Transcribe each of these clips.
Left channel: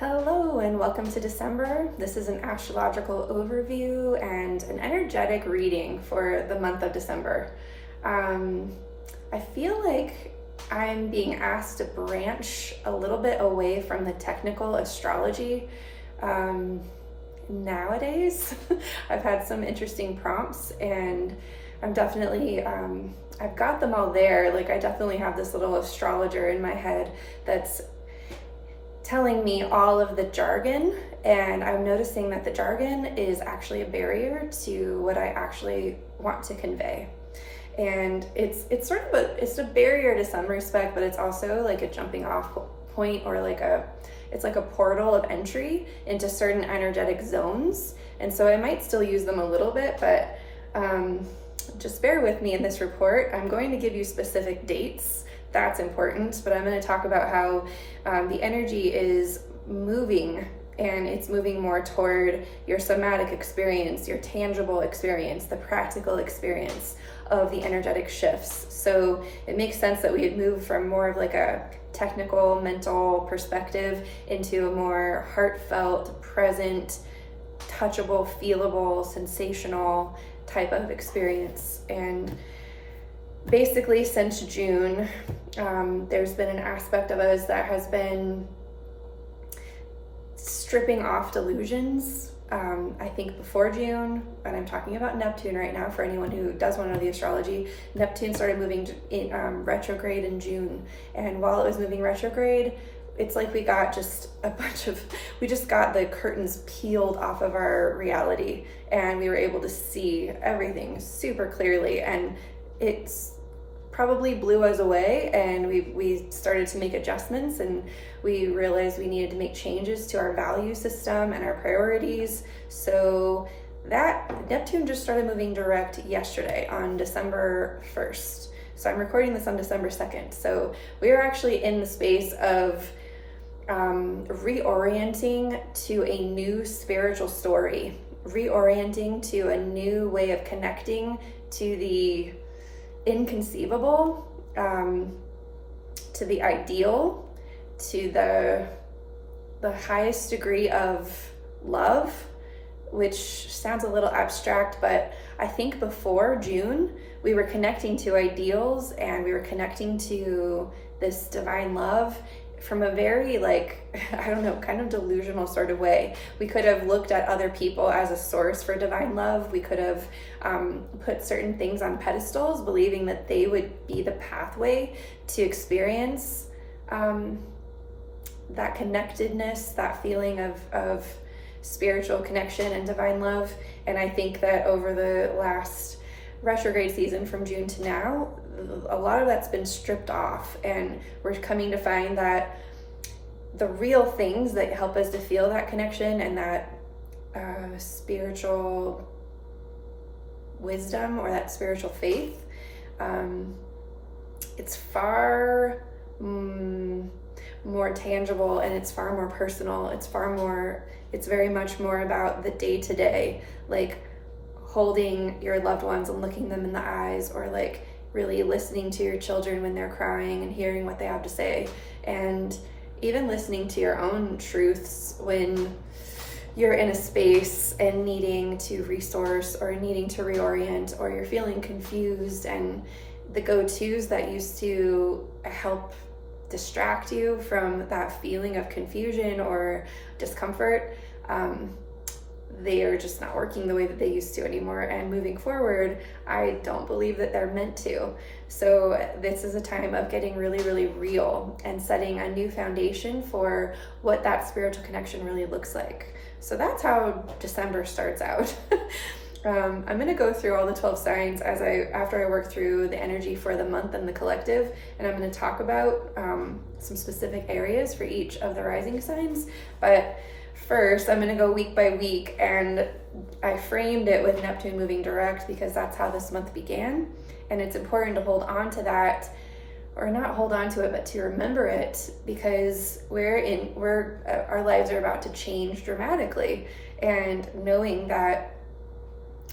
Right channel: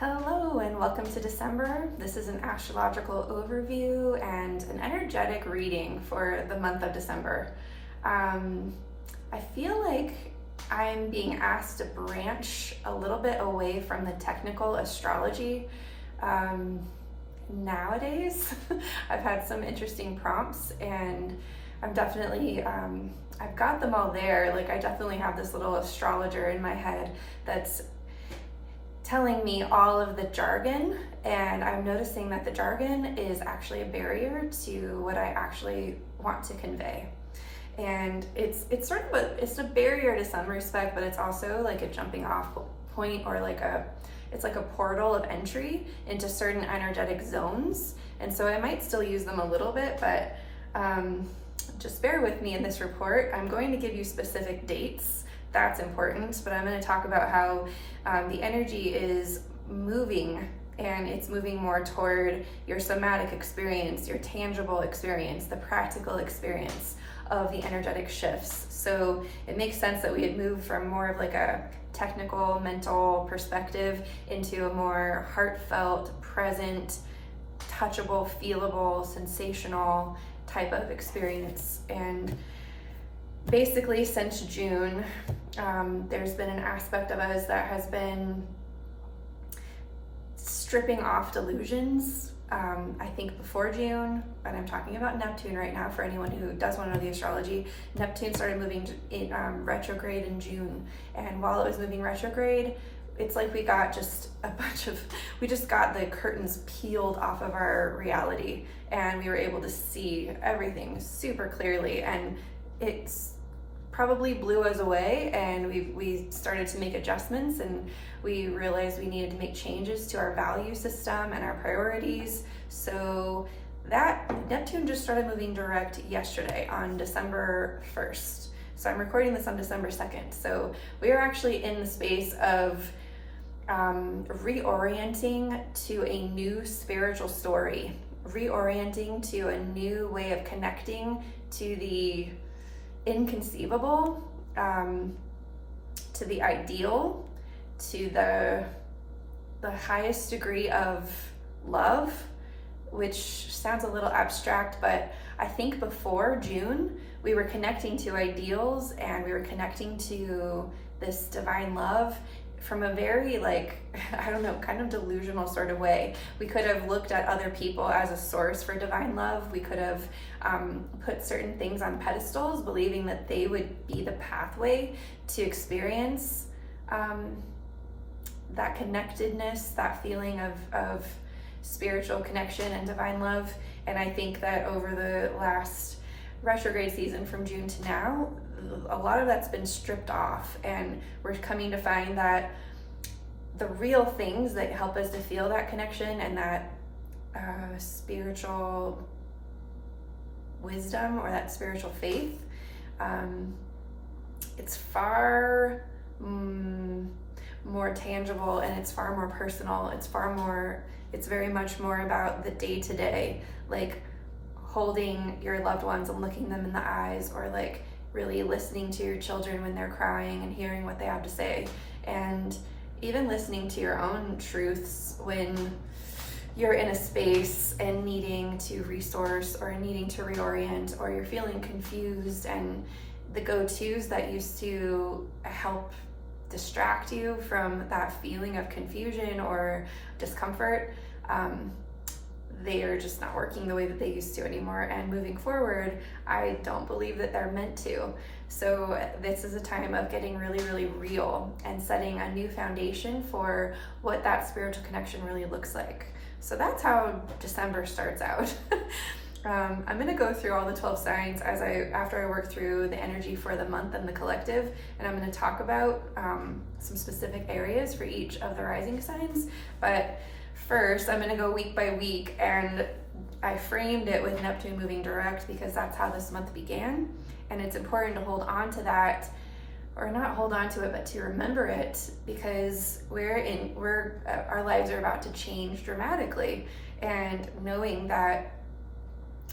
Hello and welcome to December. This is an astrological overview and an energetic reading for the month of December. I feel like I'm being asked to branch a little bit away from the technical astrology nowadays. I've had some interesting prompts and I'm definitely, I've got them all there. Like I definitely have this little astrologer in my head that's telling me all of the jargon, and I'm noticing that the jargon is actually a barrier to what I actually want to convey. And it's sort of it's a barrier to some respect, but it's also like a jumping off point, or it's like a portal of entry into certain energetic zones. And so I might still use them a little bit, but just bear with me in this report. I'm going to give you specific dates. That's important, but I'm going to talk about how the energy is moving, and it's moving more toward your somatic experience, your tangible experience, the practical experience of the energetic shifts. So it makes sense that we would move from more of like a technical, mental perspective into a more heartfelt, present, touchable, feelable, sensational type of experience. And basically since June, there's been an aspect of us that has been stripping off delusions. I think before June, and I'm talking about Neptune right now for anyone who does want to know the astrology, Neptune started moving in retrograde in June. And while it was moving retrograde, it's like we got we just got the curtains peeled off of our reality, and we were able to see everything super clearly. And it's probably blew us away, and we started to make adjustments, and we realized we needed to make changes to our value system and our priorities. So that Neptune just started moving direct yesterday on December 1st. So I'm recording this on December 2nd. So we are actually in the space of reorienting to a new spiritual story, reorienting to a new way of connecting to the inconceivable, to the ideal, to the highest degree of love, which sounds a little abstract, but I think before June we were connecting to ideals and we were connecting to this divine love from a very kind of delusional sort of way. We could have looked at other people as a source for divine love. We could have put certain things on pedestals, believing that they would be the pathway to experience that connectedness, that feeling of spiritual connection and divine love. And I think that over the last retrograde season from June to now, a lot of that's been stripped off, and we're coming to find that the real things that help us to feel that connection and that spiritual wisdom or that spiritual faith, it's far more tangible, and it's far more personal. It's very much more about the day-to-day, like holding your loved ones and looking them in the eyes, or like really listening to your children when they're crying and hearing what they have to say, and even listening to your own truths when you're in a space and needing to resource or needing to reorient, or you're feeling confused, and the go-tos that used to help distract you from that feeling of confusion or discomfort, they are just not working the way that they used to anymore. And moving forward, I don't believe that they're meant to. So this is a time of getting really, really real and setting a new foundation for what that spiritual connection really looks like. So that's how December starts out. I'm going to go through all the 12 signs after I work through the energy for the month and the collective, and I'm going to talk about some specific areas for each of the rising signs. But first, I'm going to go week by week, and I framed it with Neptune moving direct because that's how this month began, and it's important to hold on to that, or not hold on to it, but to remember it, because our lives are about to change dramatically, and knowing that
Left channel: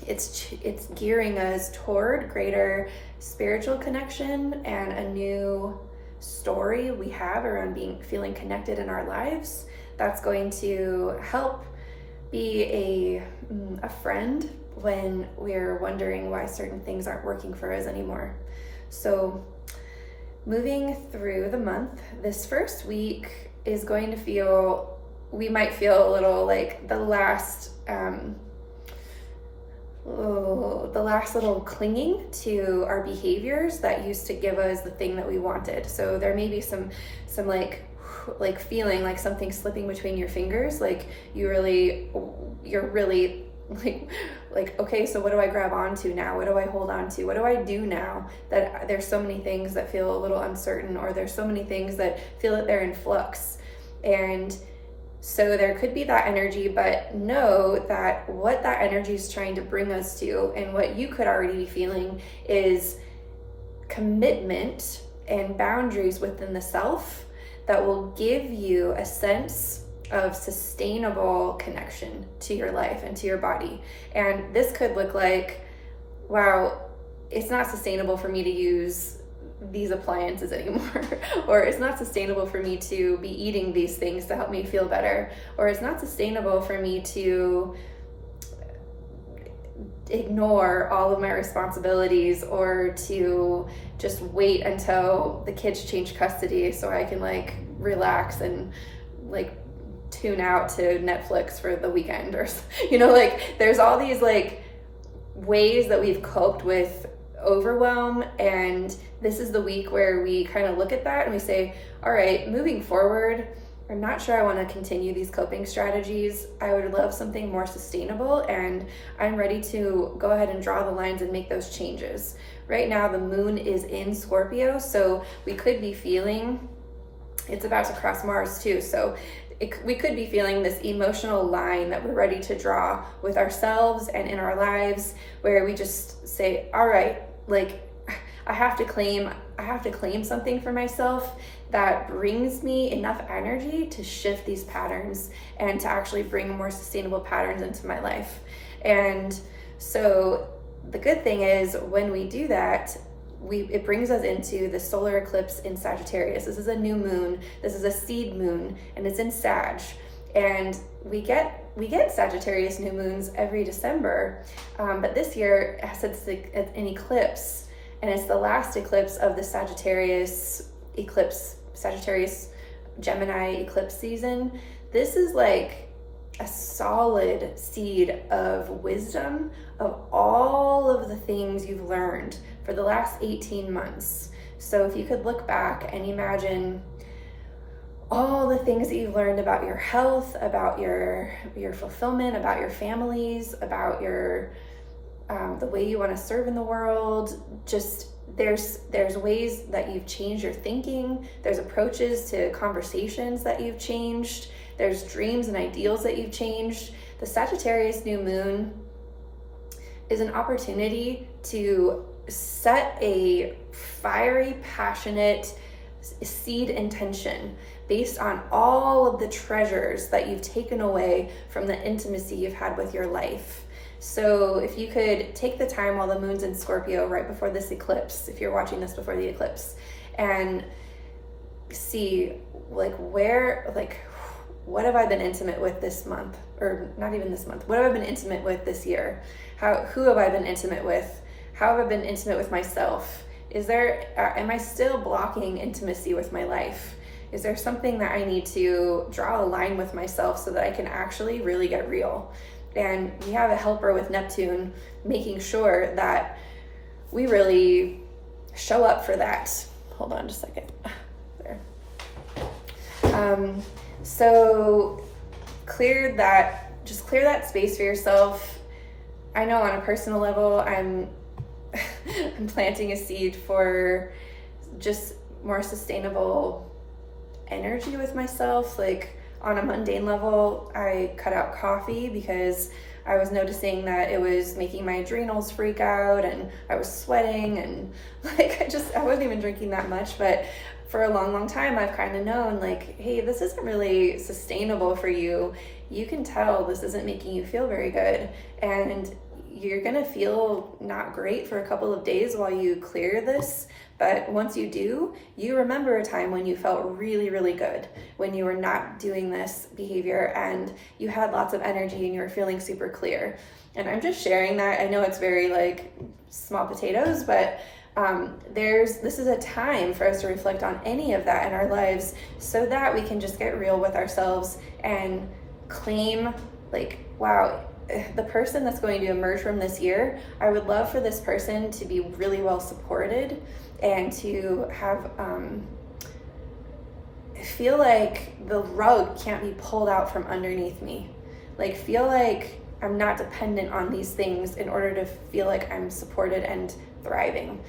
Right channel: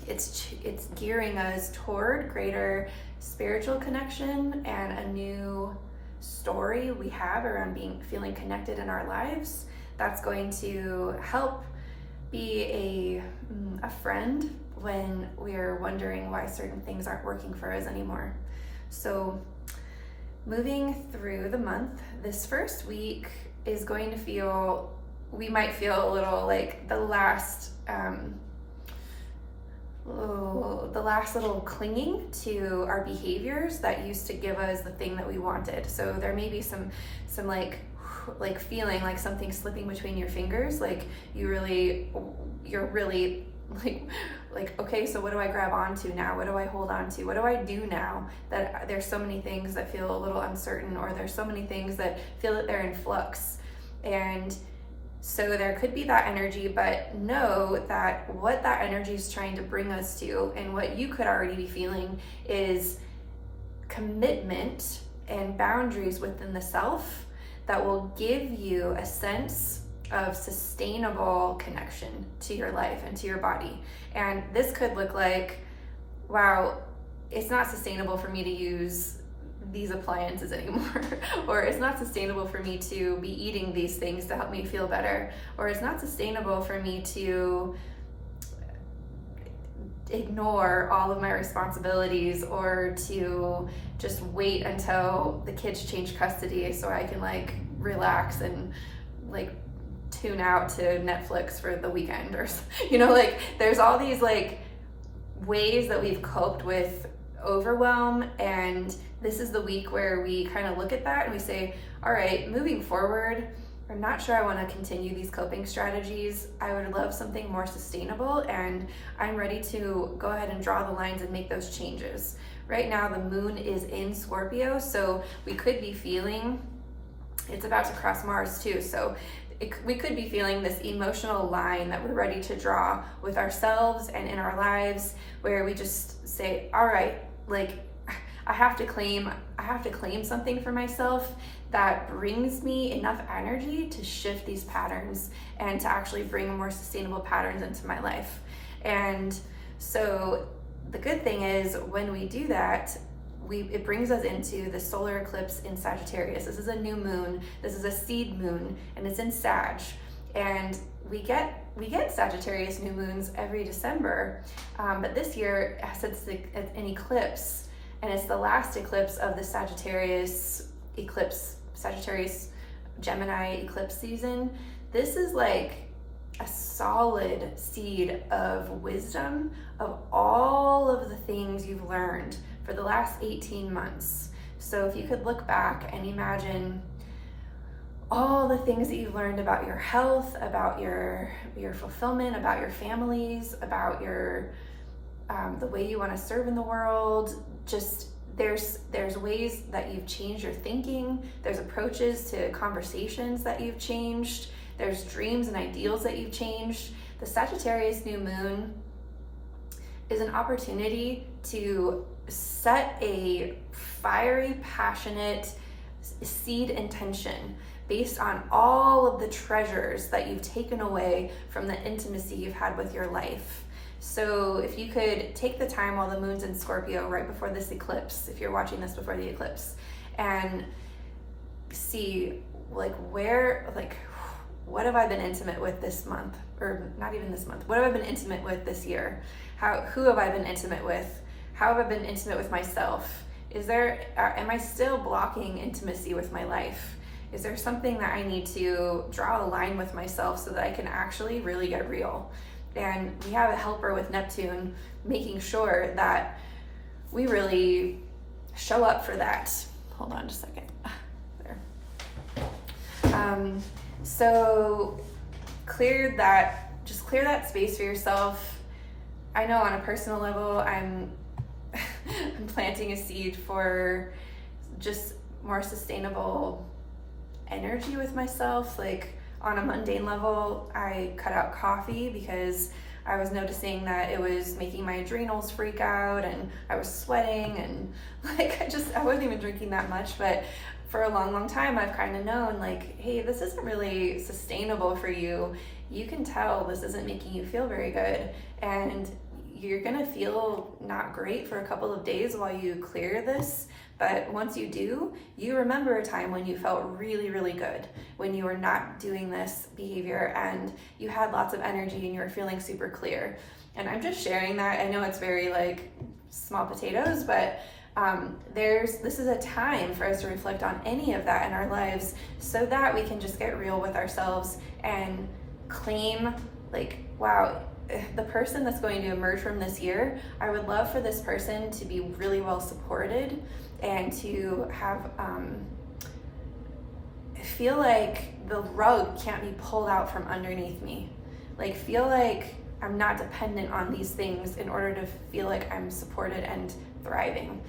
it's gearing us toward greater spiritual connection and a new story we have around feeling connected in our lives, that's going to help be a friend when we're wondering why certain things aren't working for us anymore. So moving through the month, this first week is going to feel, we might feel a little like the last little clinging to our behaviors that used to give us the thing that we wanted. So there may be some like feeling like something slipping between your fingers, like you're really like, okay, so what do I grab onto now? What do I hold on to? What do I do now? That there's so many things that feel a little uncertain, or there's so many things that feel that they're in flux. And so there could be that energy, but know that what that energy is trying to bring us to, and what you could already be feeling, is commitment and boundaries within the self that will give you a sense of sustainable connection to your life and to your body. And this could look like, wow, it's not sustainable for me to use these appliances anymore, or it's not sustainable for me to be eating these things to help me feel better, or it's not sustainable for me to ignore all of my responsibilities, or to just wait until the kids change custody so I can like relax and like tune out to Netflix for the weekend, or like there's all these like ways that we've coped with overwhelm. And this is the week where we kind of look at that and we say, all right, moving forward, I'm not sure I want to continue these coping strategies. I would love something more sustainable, and I'm ready to go ahead and draw the lines and make those changes. Right now the moon is in Scorpio, so we could be feeling, it's about to cross Mars too, so we could be feeling this emotional line that we're ready to draw with ourselves and in our lives, where we just say, all right, like I have to claim something for myself that brings me enough energy to shift these patterns and to actually bring more sustainable patterns into my life. And so the good thing is, when we do that, it brings us into the solar eclipse in Sagittarius. This is a new moon. This is a seed moon, and it's in Sag. And we get Sagittarius new moons every December, but this year, it's an eclipse, and it's the last eclipse of the Sagittarius Gemini eclipse season. This is like a solid seed of wisdom of all of the things you've learned for the last 18 months. So if you could look back and imagine all the things that you've learned about your health, about your fulfillment, about your families, about your the way you want to serve in the world, just there's ways that you've changed your thinking, there's approaches to conversations that you've changed, there's dreams and ideals that you've changed. The Sagittarius new moon is an opportunity to set a fiery, passionate seed intention based on all of the treasures that you've taken away from the intimacy you've had with your life. So if you could take the time while the moon's in Scorpio right before this eclipse, if you're watching this before the eclipse, and see what have I been intimate with this month, or not even this month, what have I been intimate with this year? Who have I been intimate with? How have I been intimate with myself? Am I still blocking intimacy with my life? Is there something that I need to draw a line with myself so that I can actually really get real? And we have a helper with Neptune, making sure that we really show up for that. Hold on just a second. There. So clear that space for yourself. I know on a personal level, I'm planting a seed for just more sustainable energy with myself. Like on a mundane level, I cut out coffee because I was noticing that it was making my adrenals freak out, and I was sweating, and I wasn't even drinking that much. But for a long time, I've kind of known like, hey, this isn't really sustainable for you. You can tell this isn't making you feel very good, and you're gonna feel not great for a couple of days while you clear this. But once you do, you remember a time when you felt really, really good, when you were not doing this behavior and you had lots of energy and you were feeling super clear. And I'm just sharing that. I know it's very like small potatoes, but this is a time for us to reflect on any of that in our lives so that we can just get real with ourselves and claim like, wow, the person that's going to emerge from this year, I would love for this person to be really well supported and to have feel like the rug can't be pulled out from underneath me. Like feel like I'm not dependent on these things in order to feel like I'm supported and thriving.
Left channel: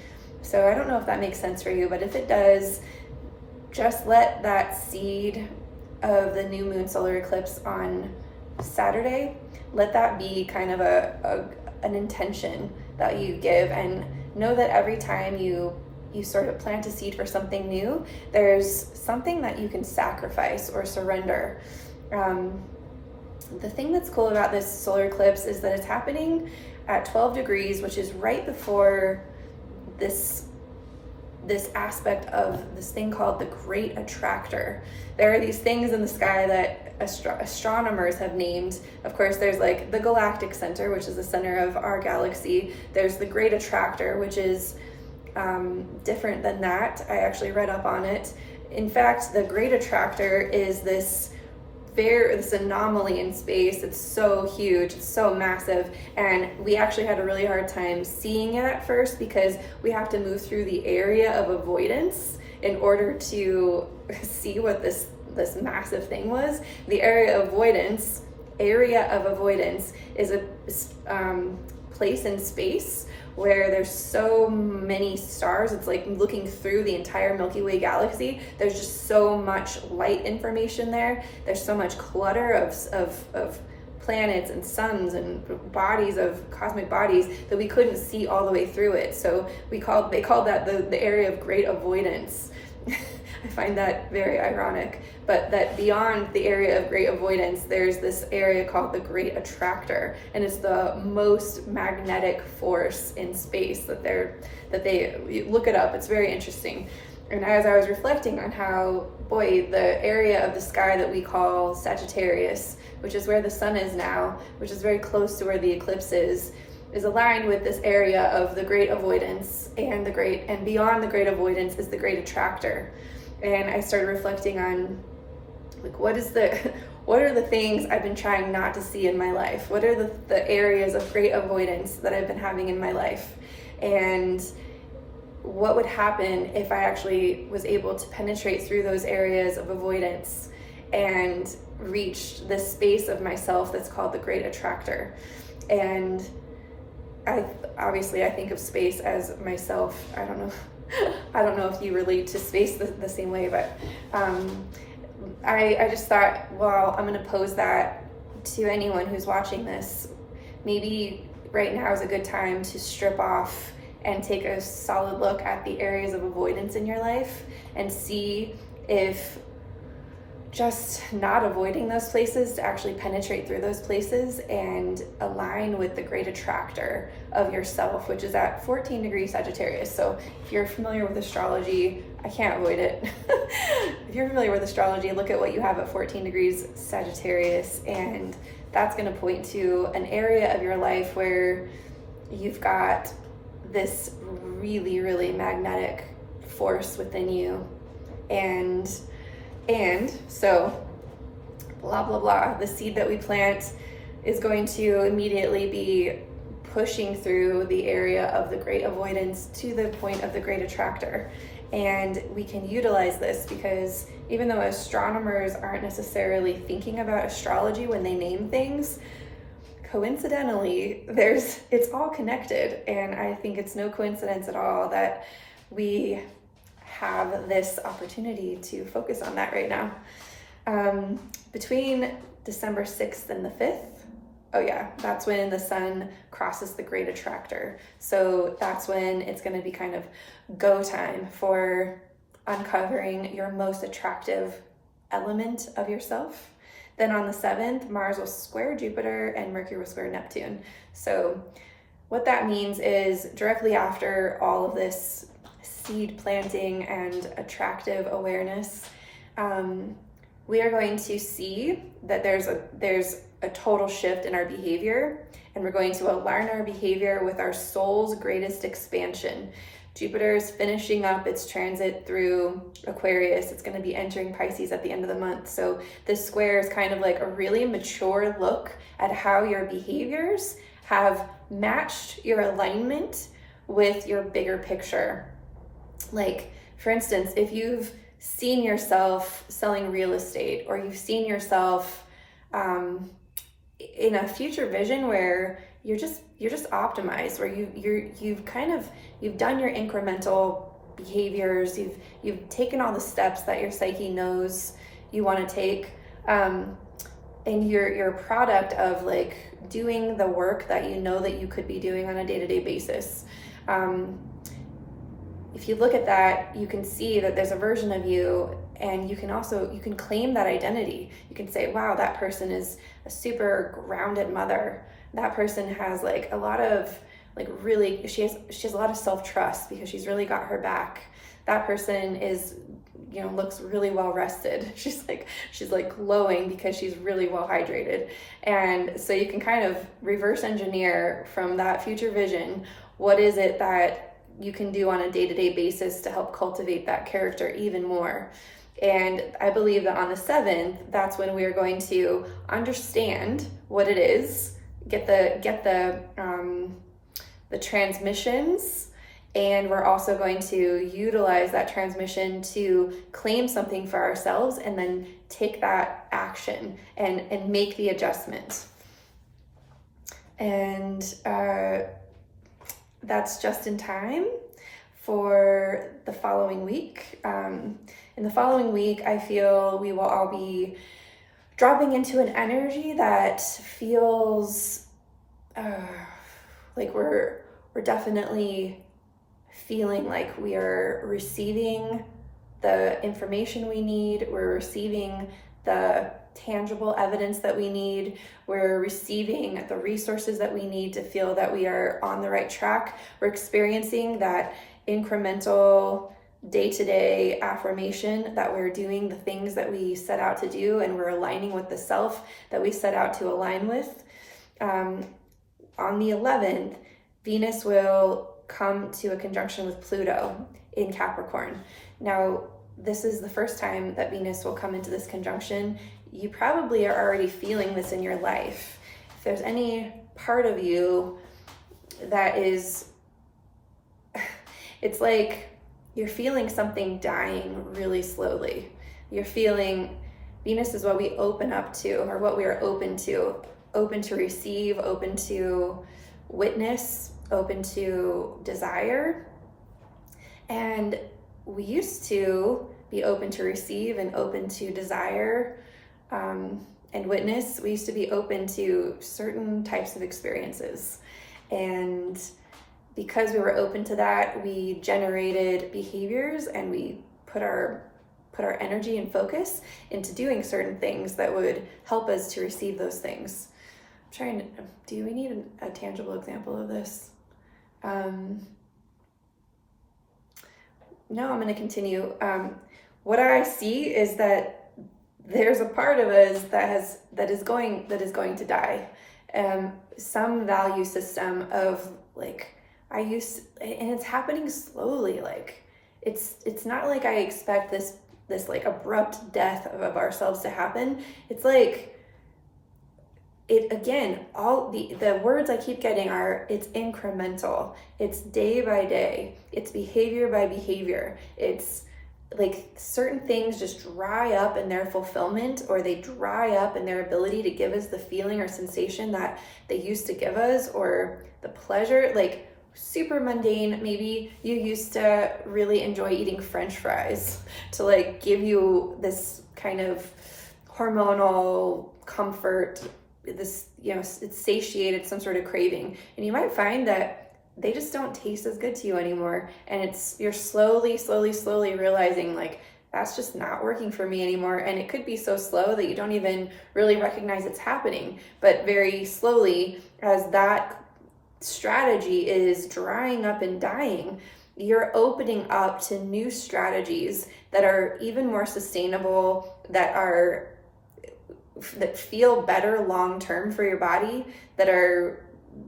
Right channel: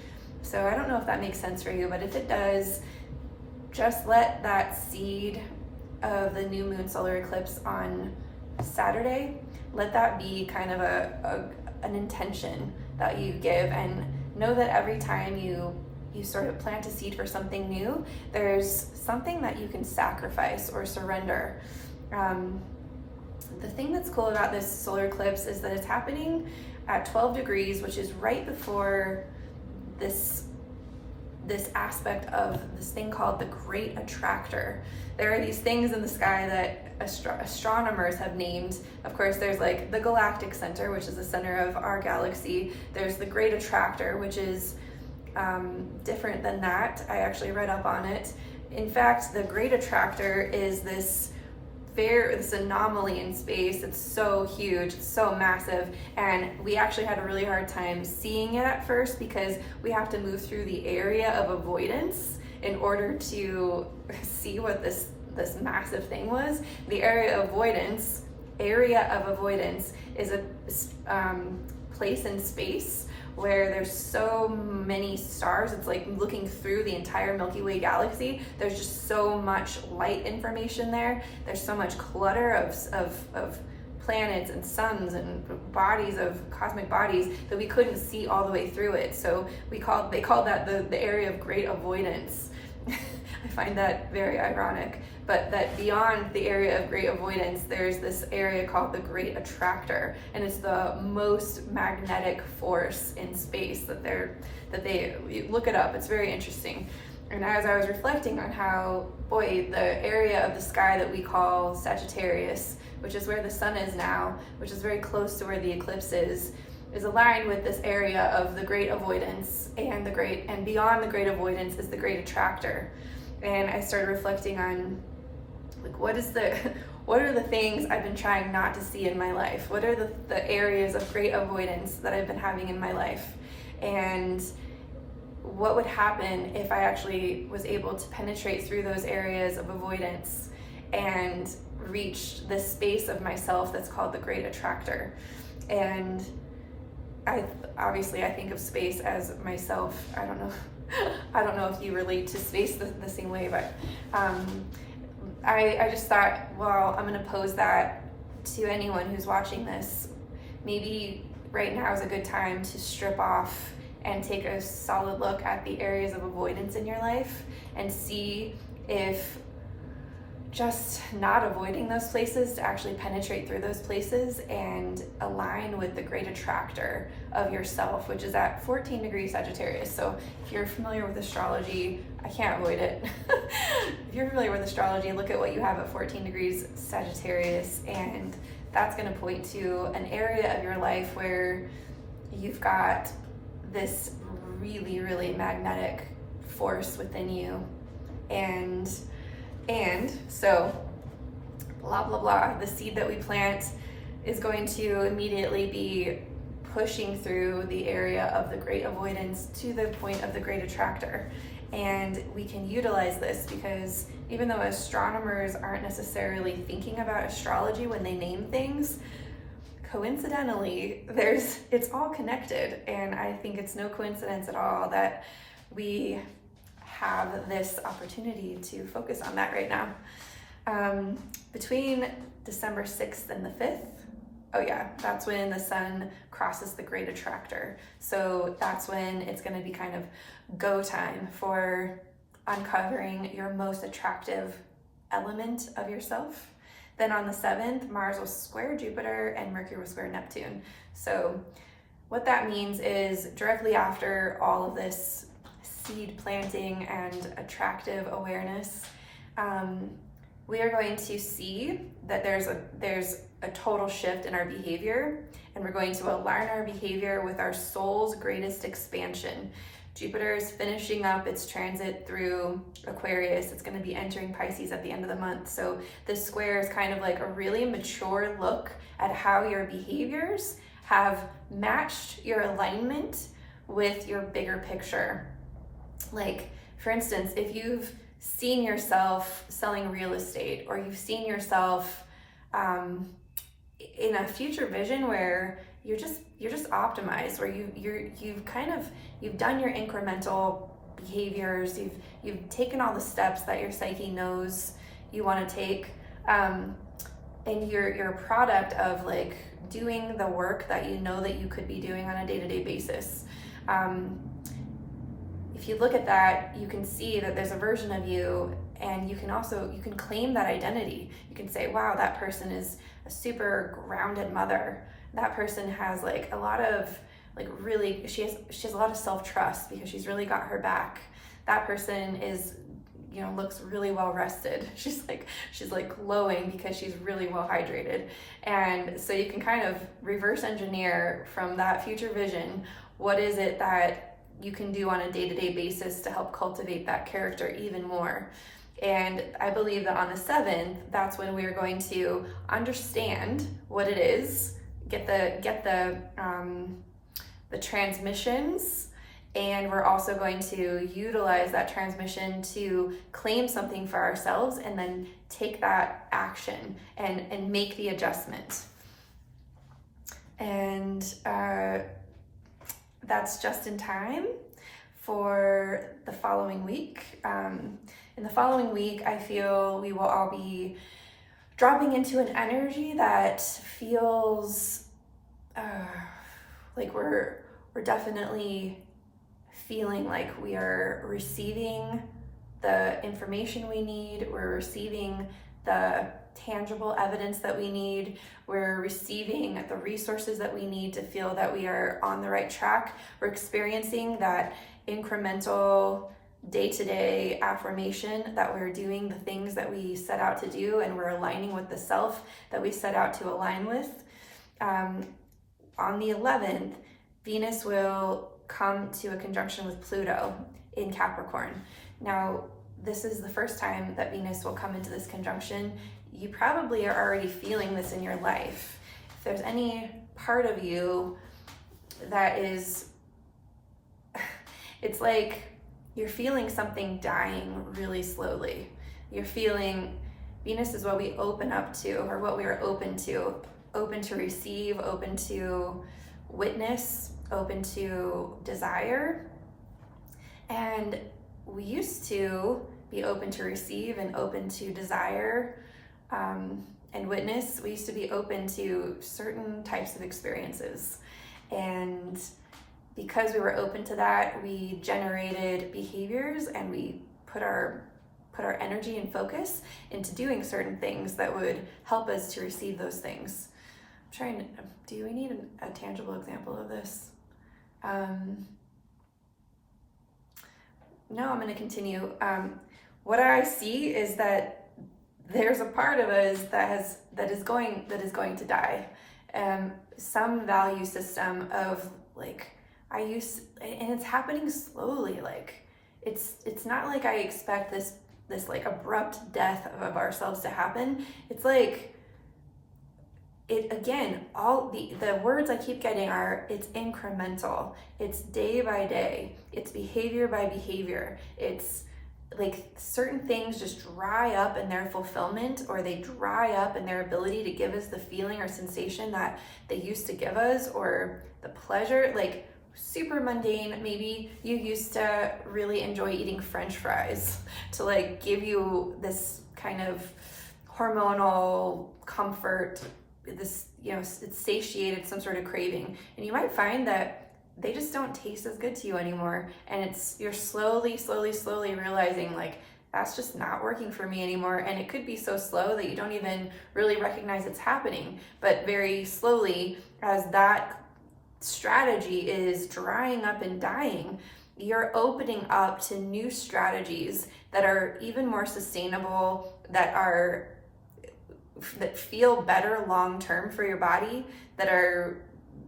So I don't know if that makes sense for you, but if it does, just let that seed of the new moon solar eclipse on Saturday, let that be kind of an intention that you give, and know that every time you sort of plant a seed for something new, there's something that you can sacrifice or surrender. The thing that's cool about this solar eclipse is that it's happening at 12 degrees, which is right before this aspect of this thing called the Great Attractor. There are these things in the sky that astronomers have named. Of course, there's like the galactic center, which is the center of our galaxy. There's the Great Attractor, which is different than that. I actually read up on it. In fact, the Great Attractor is this anomaly in space. It's so huge, it's so massive, and we actually had a really hard time seeing it at first because we have to move through the area of avoidance in order to see what this massive thing was. The area of avoidance is a place in space where there's so many stars. It's like looking through the entire Milky Way galaxy. There's just so much light information there. There's so much clutter of planets and suns and bodies of cosmic bodies that we couldn't see all the way through it. So they called that the area of great avoidance. I find that very ironic, but that beyond the area of great avoidance, there's this area called the Great Attractor, and it's the most magnetic force in space you look it up. It's very interesting. And as I was reflecting on how, the area of the sky that we call Sagittarius, which is where the sun is now, which is very close to where the eclipse is aligned with this area of the Great Avoidance, and beyond the Great Avoidance is the Great Attractor. And I started reflecting on like what are the things I've been trying not to see in my life? What are the areas of great avoidance that I've been having in my life? And what would happen if I actually was able to penetrate through those areas of avoidance and reach this space of myself that's called the Great Attractor? And I think of space as myself. I don't know if you relate to space the same way, but I just thought, well, I'm going to pose that to anyone who's watching this. Maybe right now is a good time to strip off and take a solid look at the areas of avoidance in your life and see if just not avoiding those places to actually penetrate through those places and align with the Great Attractor of yourself, which is at 14 degrees Sagittarius. So if you're familiar with astrology, I can't avoid it. If you're familiar with astrology, look at what you have at 14 degrees Sagittarius, and that's going to point to an area of your life where you've got this really, really magnetic force within you. And so blah, blah, blah, the seed that we plant is going to immediately be pushing through the area of the Great Avoidance to the point of the Great Attractor. And we can utilize this because even though astronomers aren't necessarily thinking about astrology when they name things, coincidentally, it's all connected. And I think it's no coincidence at all that we have this opportunity to focus on that right now. Between December 6th and the 5th, that's when the sun crosses the Great Attractor. So that's when it's going to be kind of go time for uncovering your most attractive element of yourself. Then on the 7th, Mars will square Jupiter and Mercury will square Neptune. So what that means is directly after all of this seed planting and attractive awareness, we are going to see that there's a total shift in our behavior, and we're going to align our behavior with our soul's greatest expansion. Jupiter is finishing up its transit through Aquarius. It's going to be entering Pisces at the end of the month. So this square is kind of like a really mature look at how your behaviors have matched your alignment with your bigger picture. Like, for instance, if you've seen yourself selling real estate, or you've seen yourself in a future vision where you're just optimized, where you've done your incremental behaviors, you've taken all the steps that your psyche knows you want to take, and you're a product of like doing the work that you know that you could be doing on a day-to-day basis. If you look at that, you can see that there's a version of you, and you can claim that identity. You can say, wow, that person is a super grounded mother. That person has like a lot of really, she has a lot of self-trust because she's really got her back. That person is, looks really well rested. She's like glowing because she's really well hydrated. And so you can kind of reverse engineer from that future vision, what is it that you can do on a day-to-day basis to help cultivate that character even more. And I believe that on the 7th, that's when we are going to understand what it is, get the transmissions, and we're also going to utilize that transmission to claim something for ourselves, and then take that action and make the adjustment. And that's just in time for the following week. In the following week, I feel we will all be dropping into an energy that feels like we're definitely feeling like we are receiving the information we need, we're receiving the tangible evidence that we need, we're receiving the resources that we need to feel that we are on the right track. We're experiencing that incremental day-to-day affirmation that we're doing the things that we set out to do, and we're aligning with the self that we set out to align with. On the 11th, Venus will come to a conjunction with Pluto in Capricorn. Now, this is the first time that Venus will come into this conjunction. You probably are already feeling this in your life. If there's any part of you that is, it's like you're feeling something dying really slowly. You're feeling, Venus is what we open up to, or what we are open to receive, open to witness, open to desire. And we used to be open to receive and open to desire and witness. We used to be open to certain types of experiences. And because we were open to that, we generated behaviors, and we put our energy and focus into doing certain things that would help us to receive those things. Do we need a tangible example of this? No, I'm going to continue. What I see is that there's a part of us that is going to die. Some value system of like, and it's happening slowly. Like it's not like I expect this like abrupt death of ourselves to happen. It's like, all the words I keep getting are, it's incremental, it's day by day, it's behavior by behavior. It's like certain things just dry up in their fulfillment, or they dry up in their ability to give us the feeling or sensation that they used to give us, or the pleasure. Like super mundane, maybe you used to really enjoy eating French fries to like give you this kind of hormonal comfort, this, it's satiated some sort of craving, and you might find that they just don't taste as good to you anymore. And you're slowly realizing like, that's just not working for me anymore. And it could be so slow that you don't even really recognize it's happening. But very slowly, as that strategy is drying up and dying, you're opening up to new strategies that are even more sustainable, that feel better long term for your body, that are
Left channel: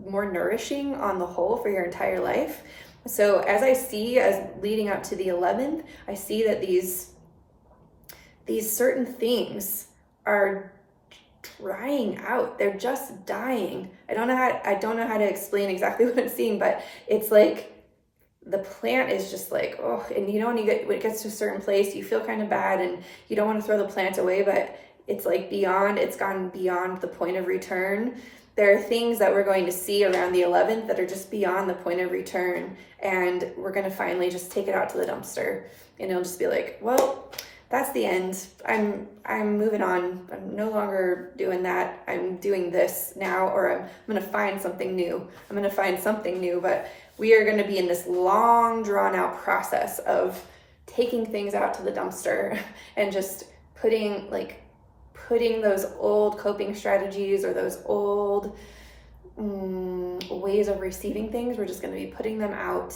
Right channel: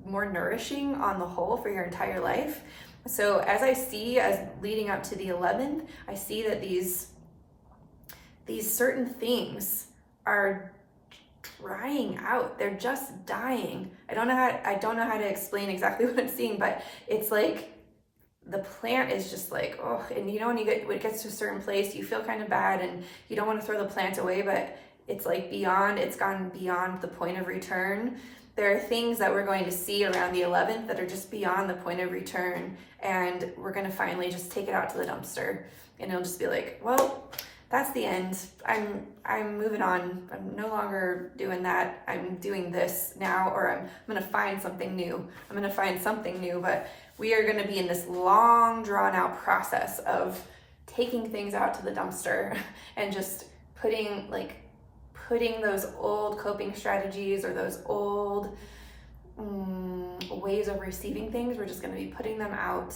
more nourishing on the whole for your entire life. So as I see, as leading up to the 11th, I see that these certain things are drying out. They're just dying. I don't know how to explain exactly what I'm seeing, but it's like the plant is just like, oh, and you know, when it gets to a certain place, you feel kind of bad and you don't want to throw the plant away, but it's like it's gone beyond the point of return. There are things that we're going to see around the 11th that are just beyond the point of return, and we're going to finally just take it out to the dumpster, and it'll just be like, well, that's the end. I'm moving on. I'm no longer doing that. I'm doing this now, or I'm going to find something new. But we are going to be in this long, drawn out process of taking things out to the dumpster and just putting those old coping strategies or those old ways of receiving things, we're just going to be putting them out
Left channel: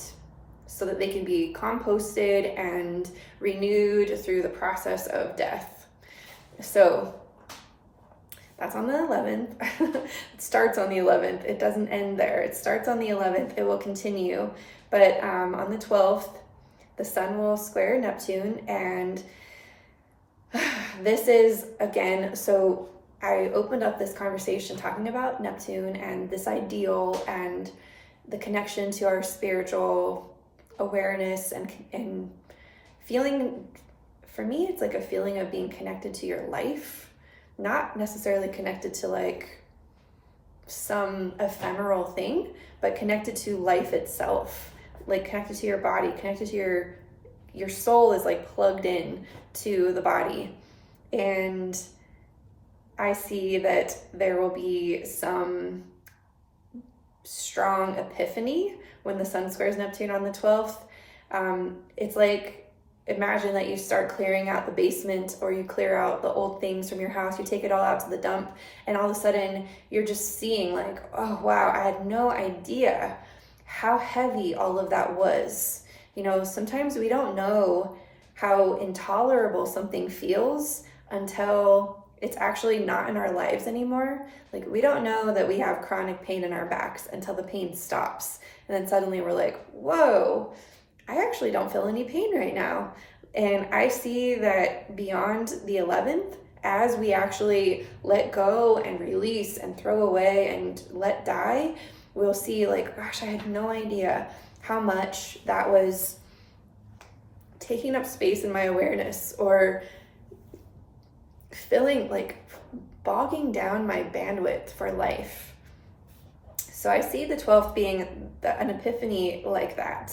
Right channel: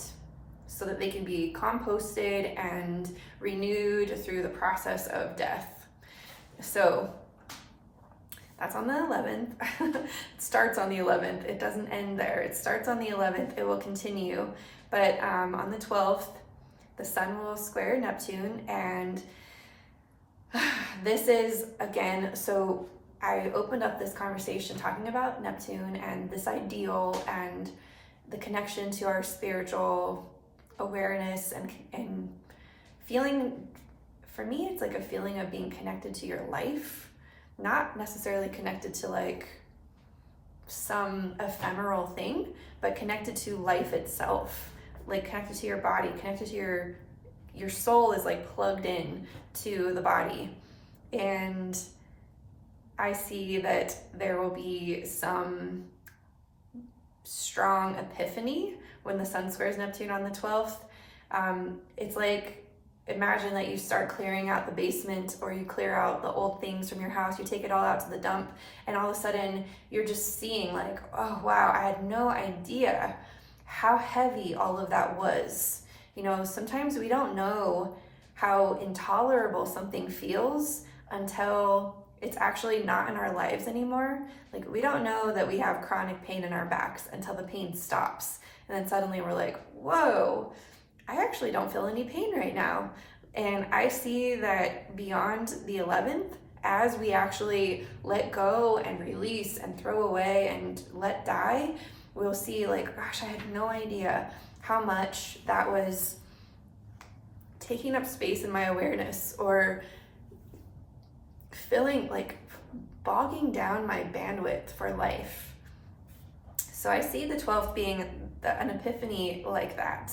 so that they can be composted and renewed through the process of death. So that's on the 11th. It starts on the 11th. It doesn't end there. It starts on the 11th. It will continue. But on the 12th, the sun will square Neptune, and this is, again, so I opened up this conversation talking about Neptune and this ideal and the connection to our spiritual awareness and feeling, for me, it's like a feeling of being connected to your life, not necessarily connected to like some ephemeral thing, but connected to life itself, like connected to your body, connected to your soul is like plugged in to the body. And I see that there will be some strong epiphany when the sun squares Neptune on the 12th. It's like, imagine that you start clearing out the basement, or you clear out the old things from your house, you take it all out to the dump, and all of a sudden you're just seeing like, oh wow, I had no idea how heavy all of that was. You know, sometimes we don't know how intolerable something feels until it's actually not in our lives anymore. Like, we don't know that we have chronic pain in our backs until the pain stops. And then suddenly we're like, whoa, I actually don't feel any pain right now. And I see that beyond the 11th, as we actually let go and release and throw away and let die, we'll see like, gosh, I had no idea how much that was taking up space in my awareness, or feeling like bogging down my bandwidth for life. So I see the 12th being an epiphany like that.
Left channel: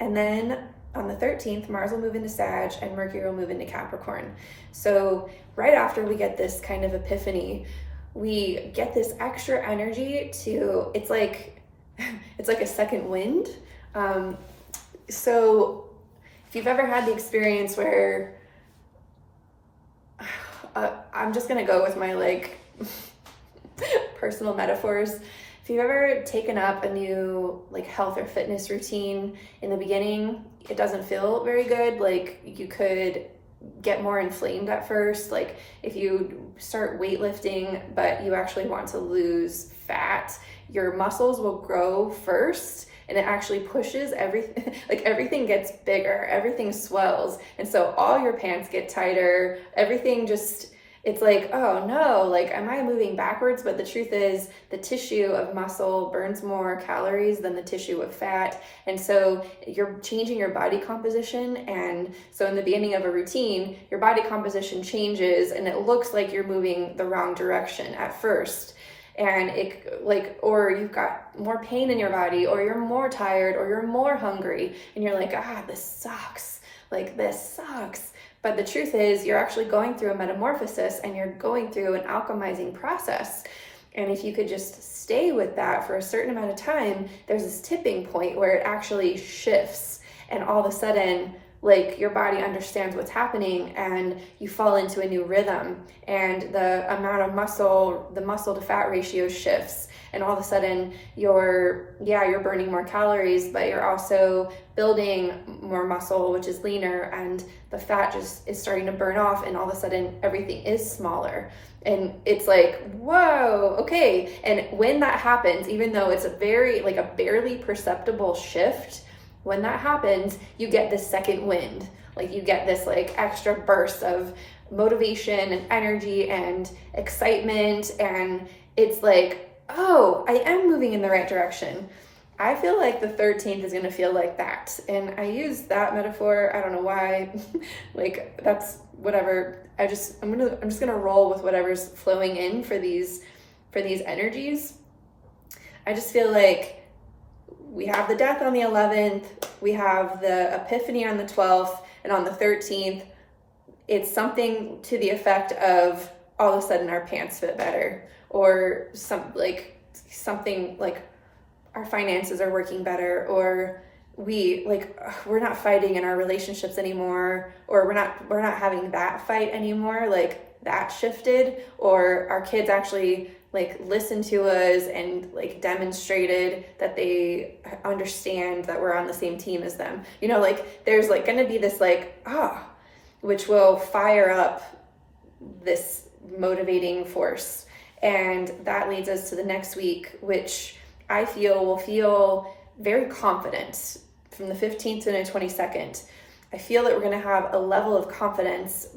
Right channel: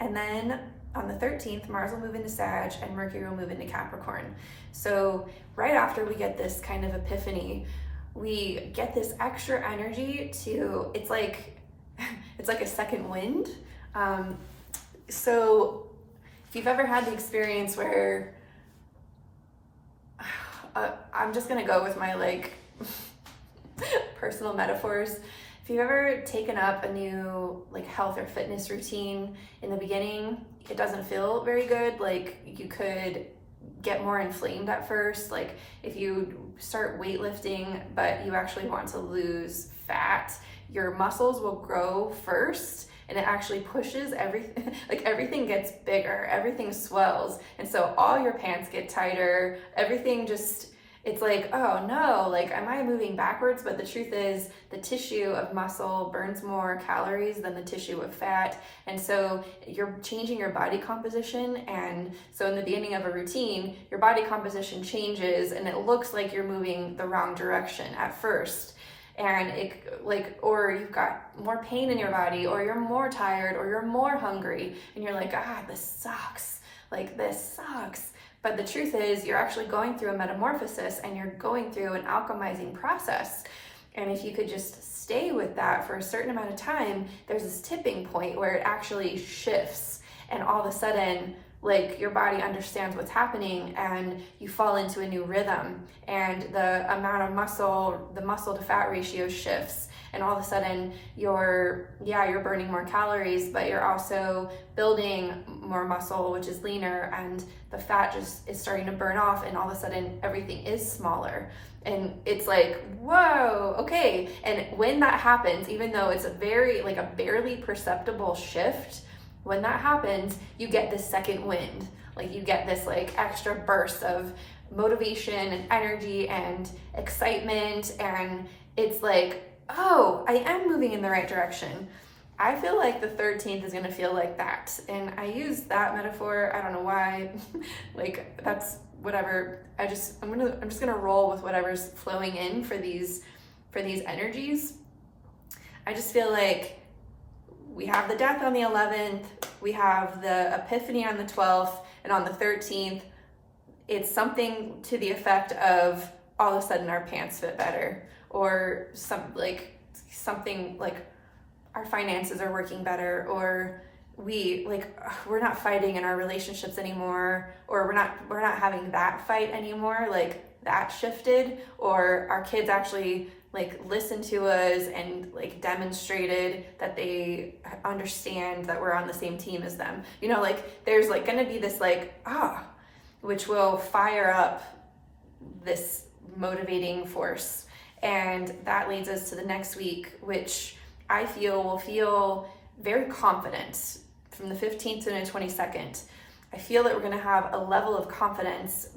And then on the 13th, Mars will move into Sag and Mercury will move into Capricorn. So right after we get this kind of epiphany, we get this extra energy to, it's like a second wind. So if you've ever had the experience where, I'm just gonna go with my like personal metaphors. If you've ever taken up a new like health or fitness routine, in the beginning, it doesn't feel very good. Like, you could get more inflamed at first. Like, if you start weightlifting, but you actually want to lose fat, your muscles will grow first, and it actually pushes everything, like everything gets bigger, everything swells. And so all your pants get tighter, everything just, it's like, oh no, like, am I moving backwards? But the truth is, the tissue of muscle burns more calories than the tissue of fat. And so you're changing your body composition. And so in the beginning of a routine, your body composition changes and it looks like you're moving the wrong direction at first. And it like, or you've got more pain in your body, or you're more tired, or you're more hungry, and you're like, this sucks. Like, this sucks. But the truth is, you're actually going through a metamorphosis, and you're going through an alchemizing process. And if you could just stay with that for a certain amount of time, there's this tipping point where it actually shifts, and all of a sudden, like your body understands what's happening and you fall into a new rhythm, and the amount of muscle, the muscle to fat ratio shifts, and all of a sudden you're burning more calories, but you're also building more muscle, which is leaner, and the fat just is starting to burn off, and all of a sudden everything is smaller. And it's like, whoa, okay. And when that happens, even though it's a barely perceptible shift, when that happens, you get this second wind. Like you get this like extra burst of motivation and energy and excitement. And it's like, oh, I am moving in the right direction. I feel like the 13th is gonna feel like that. And I use that metaphor, I don't know why, like that's whatever. I'm just gonna roll with whatever's flowing in for these energies. I just feel like we have the death on the 11th, we have the epiphany on the 12th, and on the 13th, it's something to the effect of all of a sudden our pants fit better, or something like our finances are working better, or we're not fighting in our relationships anymore, or we're not having that fight anymore, like that shifted, or our kids actually like listened to us and like demonstrated that they understand that we're on the same team as them. You know, like there's like gonna be this like, which will fire up this motivating force. And that leads us to the next week, which I feel will feel very confident from the 15th to the 22nd. I feel that we're gonna have a level of confidence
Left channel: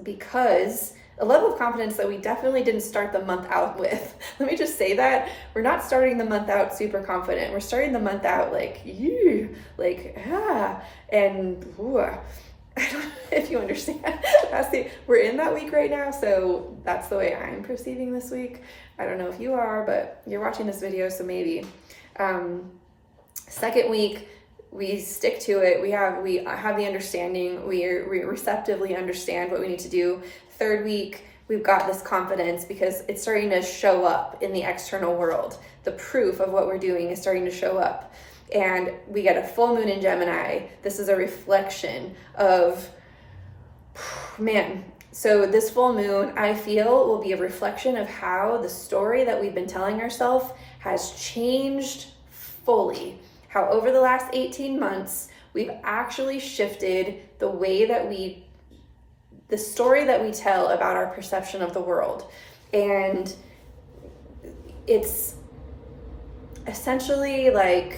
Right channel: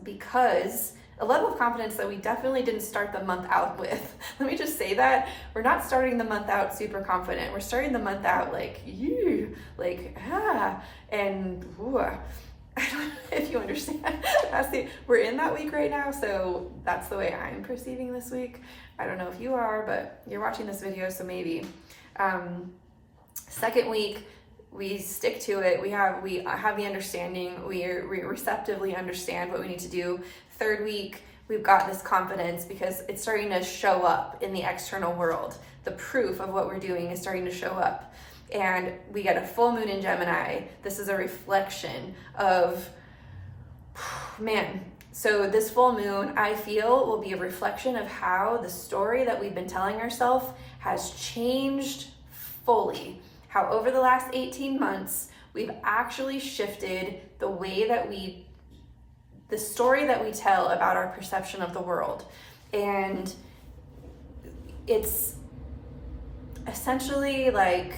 that we definitely didn't start the month out with. Let me just say that. We're not starting the month out super confident. We're starting the month out like, and ooh. I don't know if you understand. We're in that week right now, so that's the way I'm perceiving this week. I don't know if you are, but you're watching this video, so maybe. Second week, we stick to it. We have the understanding. We receptively understand what we need to do. Third week, we've got this confidence because it's starting to show up in the external world. The proof of what we're doing is starting to show up. And we get a full moon in Gemini. This is a reflection of, man. So this full moon, I feel, will be a reflection of how the story that we've been telling ourselves has changed fully. How over the last 18 months, we've actually shifted the story that we tell about our perception of the world. And it's essentially like,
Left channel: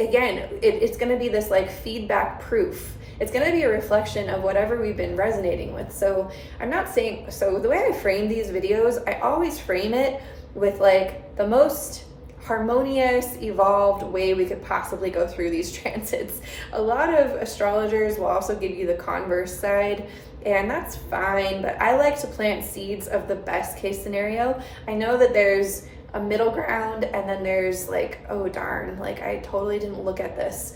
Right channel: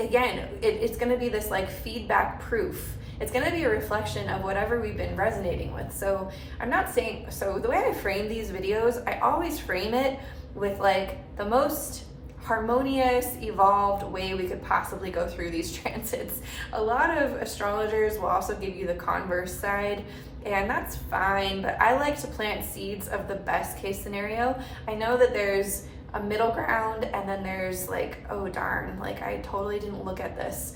again, it's going to be this like feedback proof. It's going to be a reflection of whatever we've been resonating with. So the way I frame these videos, I always frame it with like the most harmonious, evolved way we could possibly go through these transits. A lot of astrologers will also give you the converse side, and that's fine, but I like to plant seeds of the best case scenario. I know that there's a middle ground, and then there's like, oh darn, like I totally didn't look at this.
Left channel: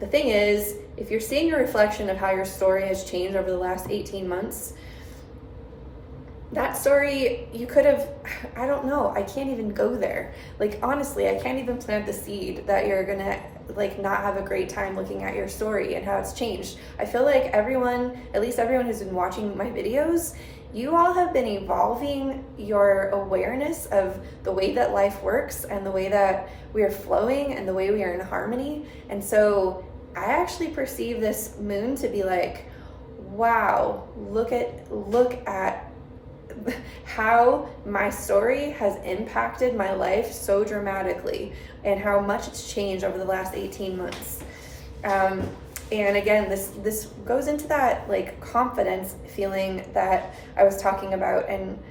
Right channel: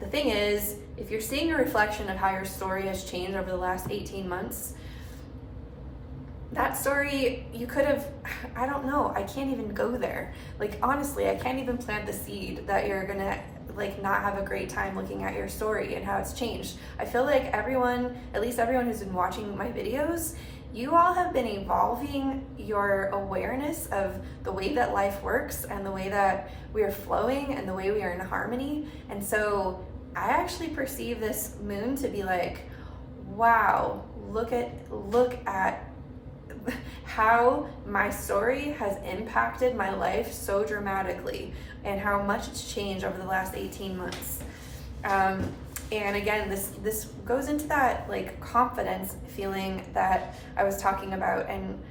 The thing is, if you're seeing a reflection of how your story has changed over the last 18 months, that story, you could have, I don't know, I can't even go there. Like, honestly, I can't even plant the seed that you're gonna like not have a great time looking at your story and how it's changed. I feel like everyone, at least everyone who's been watching my videos, you all have been evolving your awareness of the way that life works and the way that we are flowing and the way we are in harmony. And so I actually perceive this moon to be like, wow, look at how my story has impacted my life so dramatically and how much it's changed over the last 18 months. And again, this goes into that like confidence feeling that I was talking about. And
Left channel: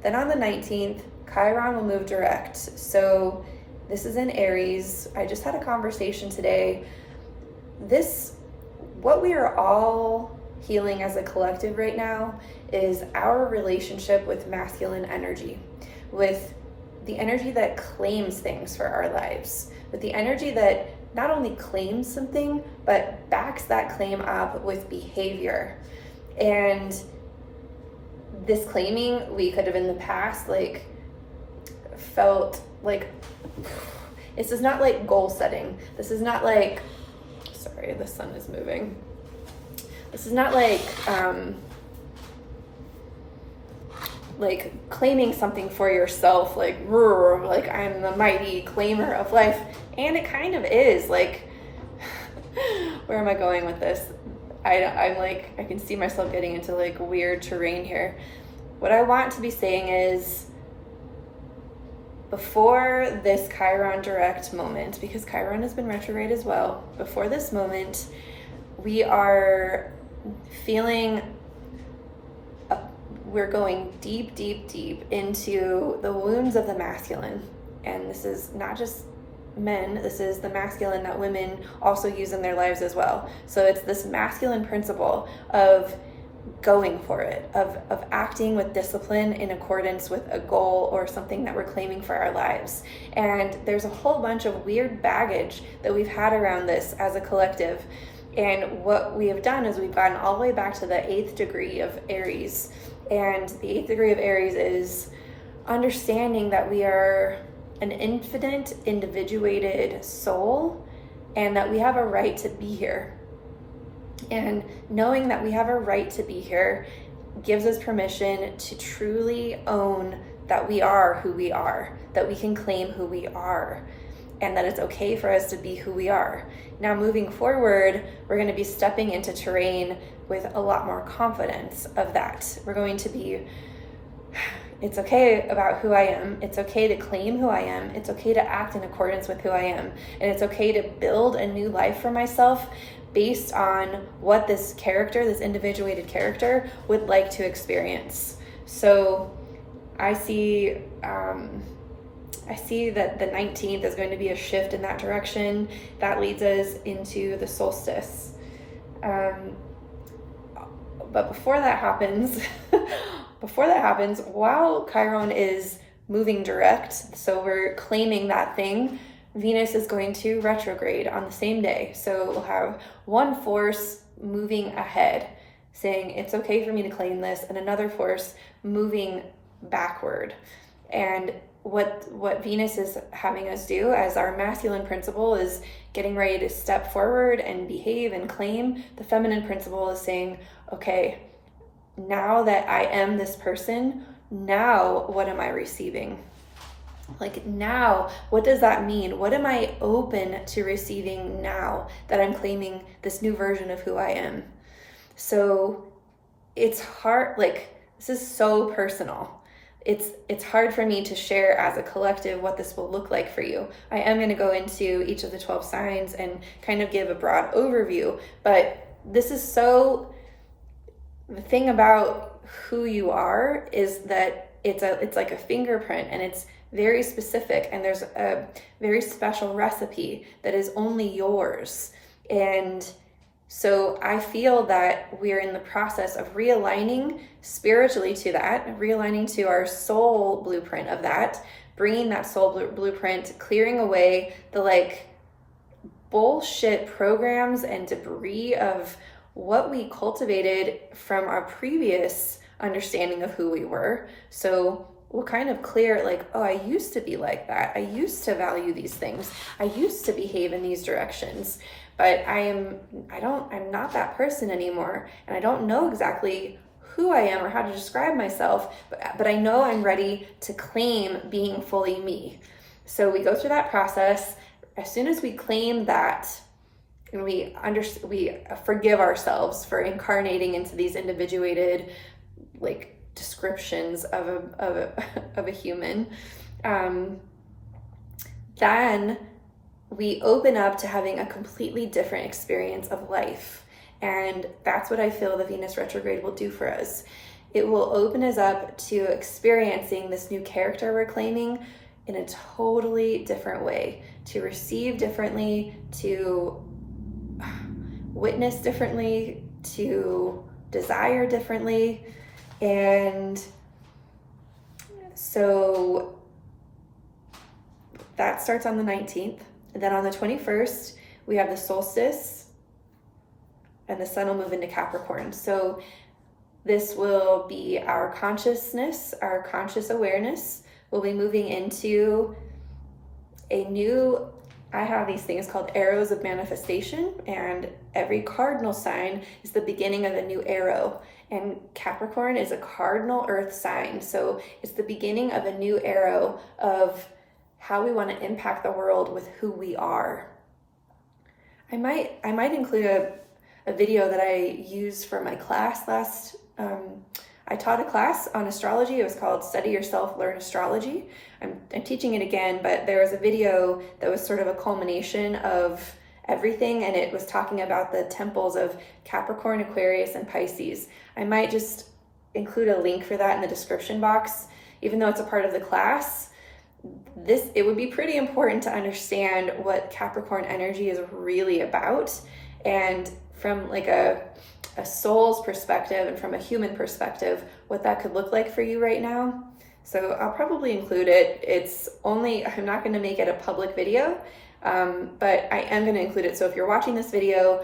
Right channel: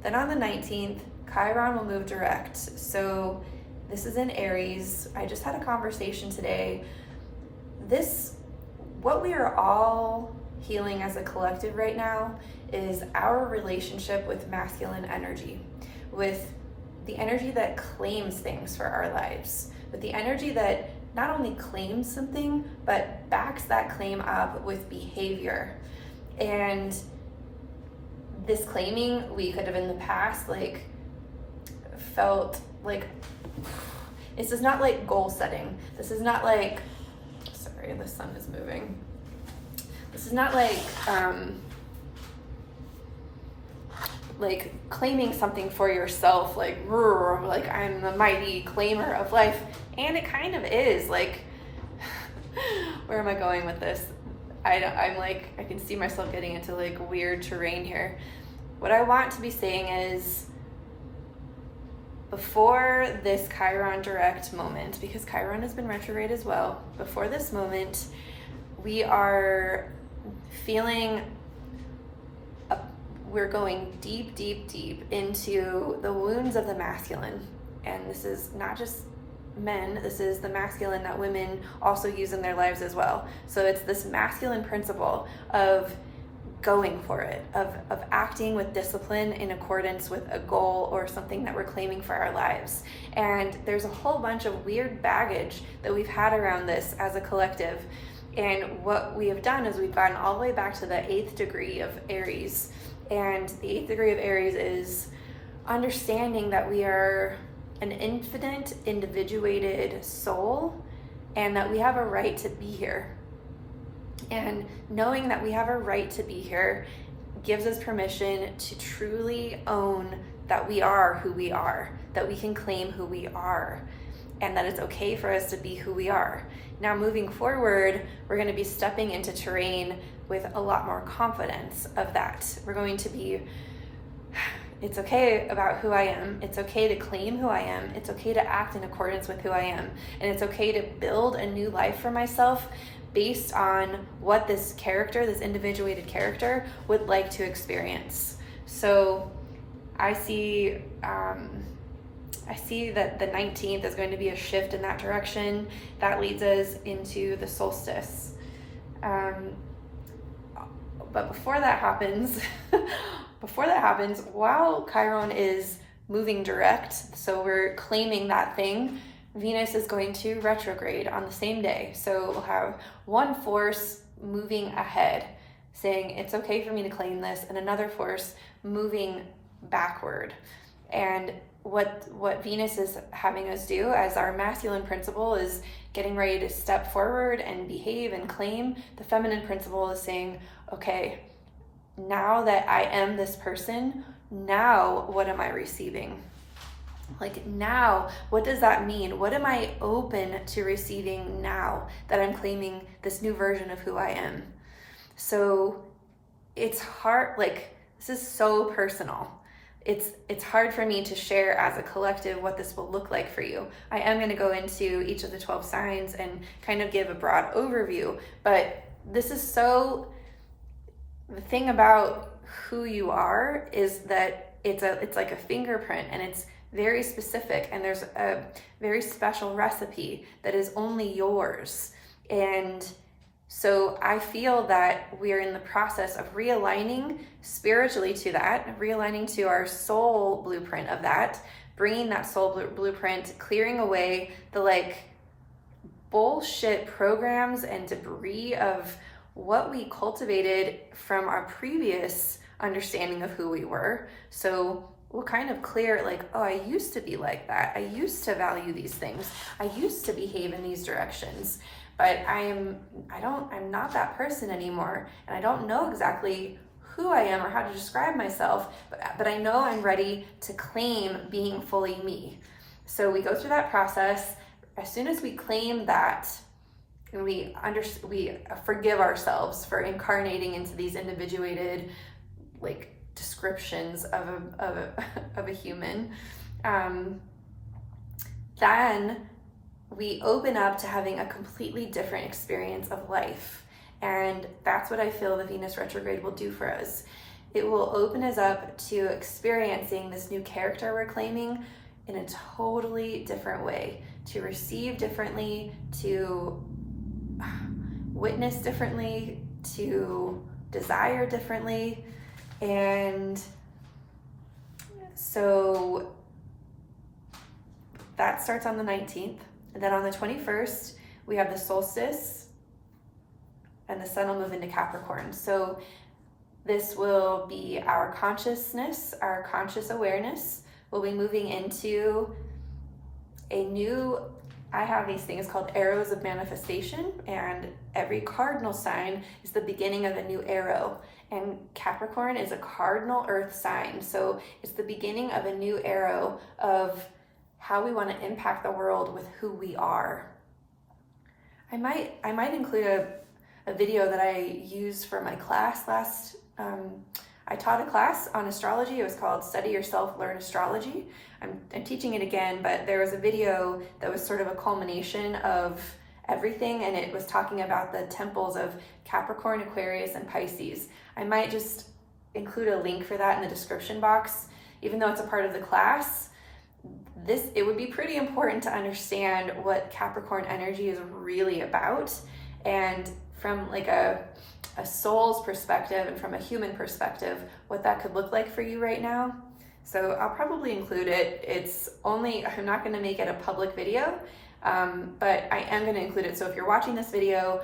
then on the 19th, Chiron will move direct. So this is in Aries. I just had a conversation today. What we are all healing as a collective right now is our relationship with masculine energy, with the energy that claims things for our lives, with the energy that not only claims something, but backs that claim up with behavior. And this claiming, we could have in the past like felt like, this is not like goal setting. This is not like, sorry, the sun is moving. this is not like claiming something for yourself, like I'm the mighty claimer of life. And it kind of is, like, where am I going with this? I'm like, I can see myself getting into like weird terrain here. What I want to be saying is, before this Chiron direct moment, because Chiron has been retrograde as well, before this moment, we are feeling we're going deep, deep, deep into the wounds of the masculine. And this is not just men, this is the masculine that women also use in their lives as well. So it's this masculine principle of going for it, of acting with discipline in accordance with a goal or something that we're claiming for our lives. And there's a whole bunch of weird baggage that we've had around this as a collective. And what we have done is we've gotten all the way back to the 8th degree of Aries. And the 8th degree of Aries is understanding that we are an infinite, individuated soul, and that we have a right to be here. And knowing that we have a right to be here gives us permission to truly own that we are who we are, that we can claim who we are, and that it's okay for us to be who we are. Now, moving forward, we're going to be stepping into terrain with a lot more confidence of that. We're going to be, it's okay about who I am. It's okay to claim who I am. It's okay to act in accordance with who I am. And it's okay to build a new life for myself based on what this character, this individuated character, would like to experience. So I see that the 19th is going to be a shift in that direction. That leads us into the solstice. But before that happens, while Chiron is moving direct, so we're claiming that thing, Venus is going to retrograde on the same day. So we'll have one force moving ahead, saying it's okay for me to claim this, and another force moving backward. And what Venus is having us do as our masculine principle is getting ready to step forward and behave and claim. The feminine principle is saying, okay, now that I am this person, now what am I receiving? Like, now, what does that mean? What am I open to receiving now that I'm claiming this new version of who I am? So it's hard, like, this is so personal. It's hard for me to share as a collective what this will look like for you. I am going to go into each of the 12 signs and kind of give a broad overview, but this is so, the thing about who you are is that it's like a fingerprint, and it's very specific, and there's a very special recipe that is only yours. And so I feel that we're in the process of realigning spiritually to that, realigning to our soul blueprint of that, bringing that soul blueprint, clearing away the like bullshit programs and debris of what we cultivated from our previous understanding of who we were. So we'll kind of clear, like, oh, I used to be like that. I used to value these things. I used to behave in these directions, but I'm not that person anymore. And I don't know exactly who I am or how to describe myself, but I know I'm ready to claim being fully me. So we go through that process. As soon as we claim that, and we forgive ourselves for incarnating into these individuated, like, descriptions of a human, then we open up to having a completely different experience of life. And that's what I feel the Venus retrograde will do for us. It will open us up to experiencing this new character we're claiming in a totally different way, to receive differently, to witness differently, to desire differently. And so that starts on the 19th. And then on the 21st, we have the solstice, and the sun will move into Capricorn. So this will be our consciousness, our conscious awareness will be moving into a new I have these things called arrows of manifestation, and every cardinal sign is the beginning of a new arrow. And Capricorn is a cardinal earth sign, so it's the beginning of a new arrow of how we want to impact the world with who we are. I might include a video that I used for my class last. I taught a class on astrology. It was called Study Yourself, Learn Astrology. I'm teaching it again, but there was a video that was sort of a culmination of everything, and it was talking about the temples of Capricorn, Aquarius, and Pisces. I might just include a link for that in the description box. Even though it's a part of the class, it would be pretty important to understand what Capricorn energy is really about, and from like a soul's perspective and from a human perspective, what that could look like for you right now. So I'll probably include it. I'm not going to make it a public video, but I am going to include it. So if you're watching this video,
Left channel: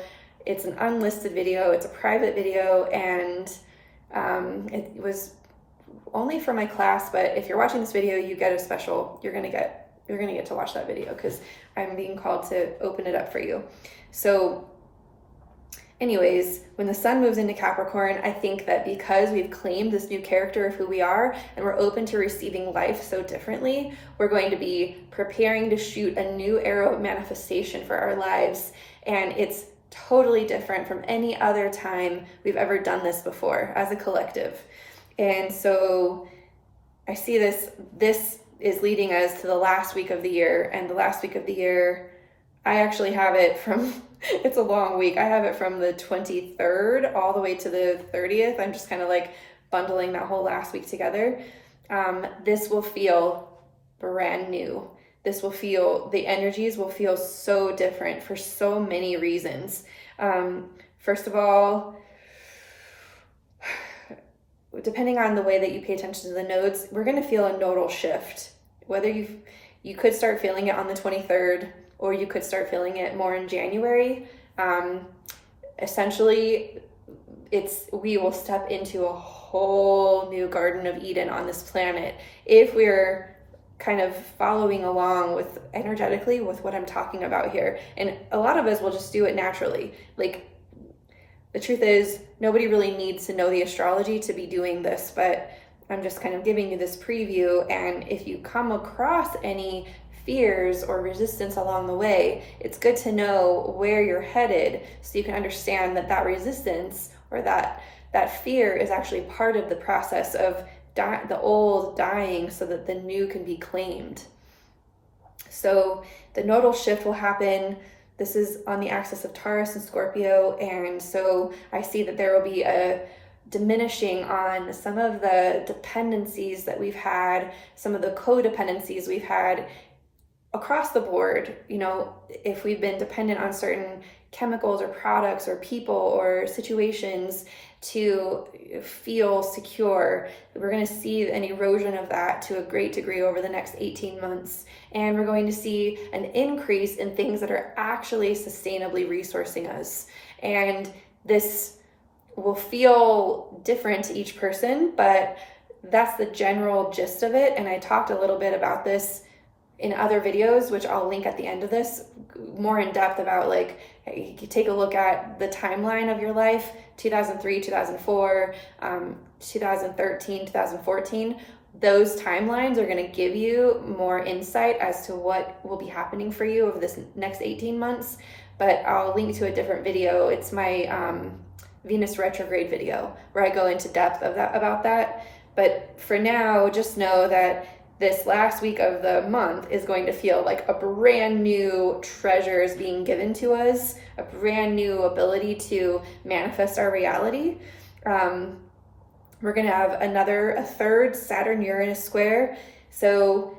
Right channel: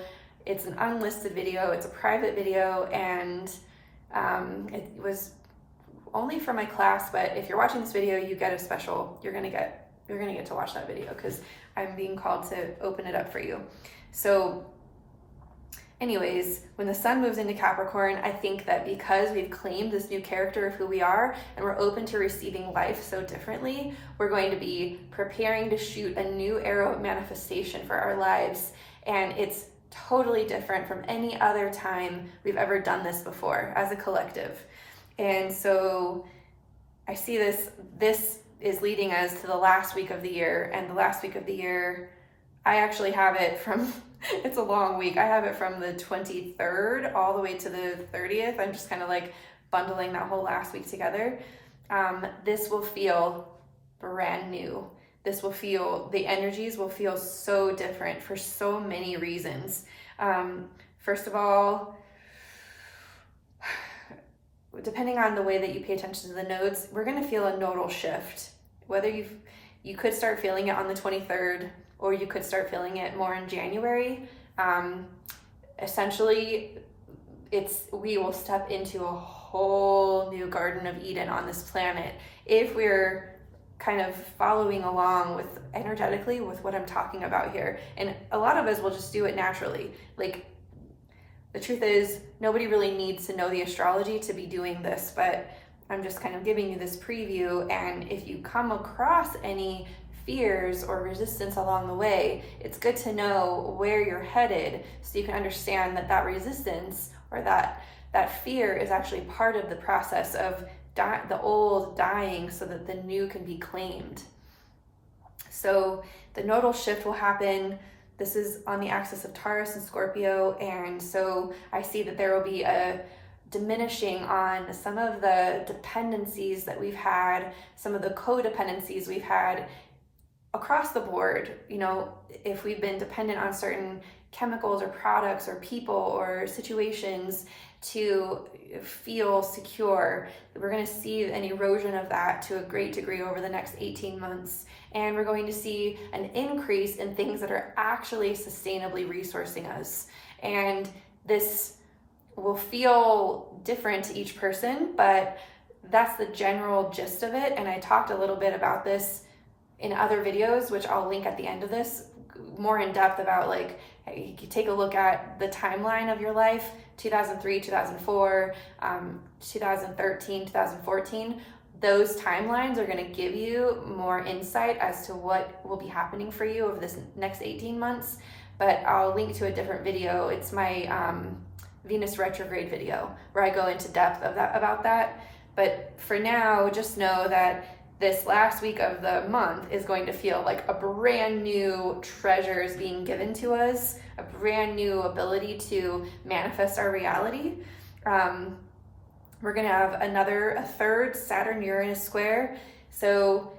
it's an unlisted video, it's a private video, and it was only for my class, but if you're watching this video, you get a special, you're gonna get to watch that video because I'm being called to open it up for you. So anyways, when the sun moves into Capricorn, I think that because we've claimed this new character of who we are and we're open to receiving life so differently, we're going to be preparing to shoot a new arrow of manifestation for our lives. And it's totally different from any other time we've ever done this before as a collective. And so I see this is leading us to the last week of the year, and the last week of the year, I actually have it from, it's a long week. I have it from the 23rd all the way to the 30th. I'm just kind of like bundling that whole last week together. This will feel brand new. The energies will feel so different for so many reasons. First of all, depending on the way that you pay attention to the nodes, we're going to feel a nodal shift. Whether you could start feeling it on the 23rd, or you could start feeling it more in January. Essentially, we will step into a whole new Garden of Eden on this planet if we're kind of following along with energetically with what I'm talking about here. And a lot of us will just do it naturally. Like, the truth is, nobody really needs to know the astrology to be doing this, but I'm just kind of giving you this preview. And if you come across any fears or resistance along the way, it's good to know where you're headed so you can understand that resistance or that fear is actually part of the process of the old dying so that the new can be claimed. So the nodal shift will happen. This is on the axis of Taurus and Scorpio, and so I see that there will be a diminishing on some of the dependencies that we've had, some of the codependencies we've had across the board. You know, if we've been dependent on certain chemicals or products or people or situations to feel secure, we're going to see an erosion of that to a great degree over the next 18 months. And we're going to see an increase in things that are actually sustainably resourcing us. And this will feel different to each person, but that's the general gist of it. And I talked a little bit about this in other videos, which I'll link at the end of this, more in depth about, like, you can take a look at the timeline of your life, 2003, 2004, 2013, 2014. Those timelines are going to give you more insight as to what will be happening for you over this next 18 months. But I'll link to a different video. It's my Venus retrograde video where I go into depth about that. But for now, just know that this last week of the month is going to feel like a brand new treasure is being given to us, a brand new ability to manifest our reality. We're going to have a third Saturn-Uranus square. So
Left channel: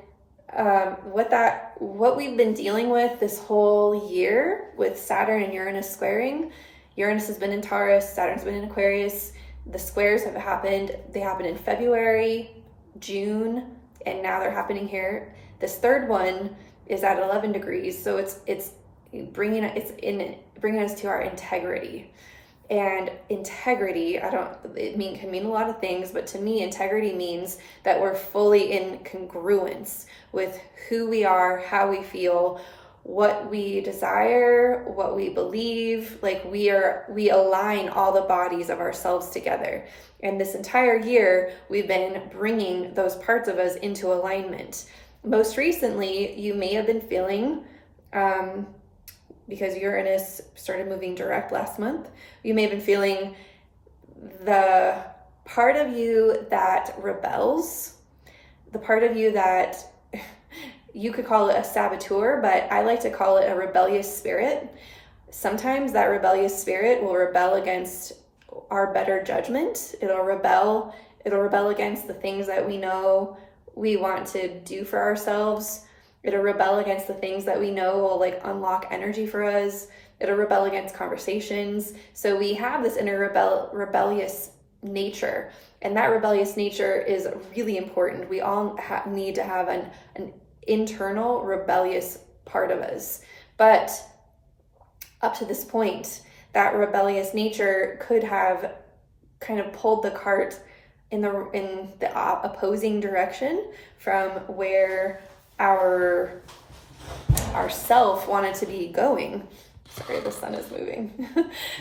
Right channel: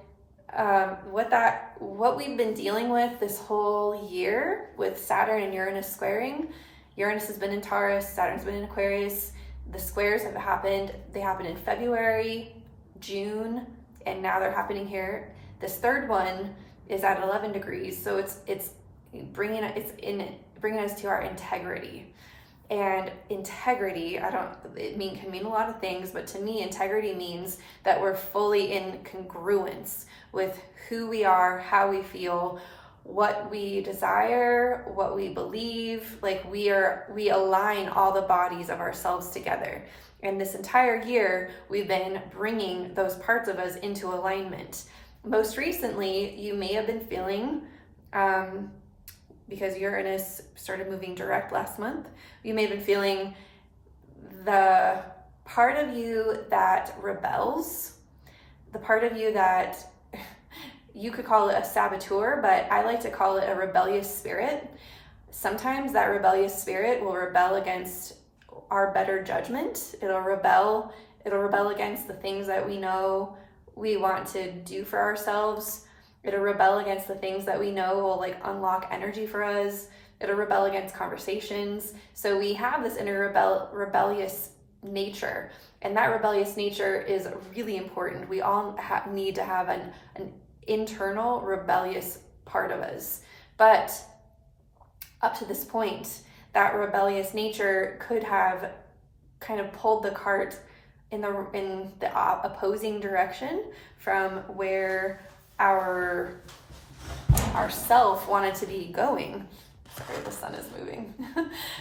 what we've been dealing with this whole year with Saturn and Uranus squaring, Uranus has been in Taurus, Saturn's been in Aquarius. The squares have happened. They happened in February, June, and now they're happening here. This third one is at 11 degrees, so it's bringing us to our integrity. And integrity, can mean a lot of things, but to me, integrity means that we're fully in congruence with who we are, how we feel, what we desire, what we believe. Like we align all the bodies of ourselves together. And this entire year, we've been bringing those parts of us into alignment. Most recently, you may have been feeling, because Uranus started moving direct last month, you may have been feeling the part of you that rebels, the part of you that you could call it a saboteur, but I like to call it a rebellious spirit. Sometimes that rebellious spirit will rebel against our better judgment. It'll rebel against the things that we know we want to do for ourselves. It'll rebel against the things that we know will like unlock energy for us. It'll rebel against conversations. So we have this inner rebellious nature, and that rebellious nature is really important. We all need to have an internal rebellious part of us. But up to this point, that rebellious nature could have kind of pulled the cart in the opposing direction from where our self wanted to be going. Sorry, the sun is moving.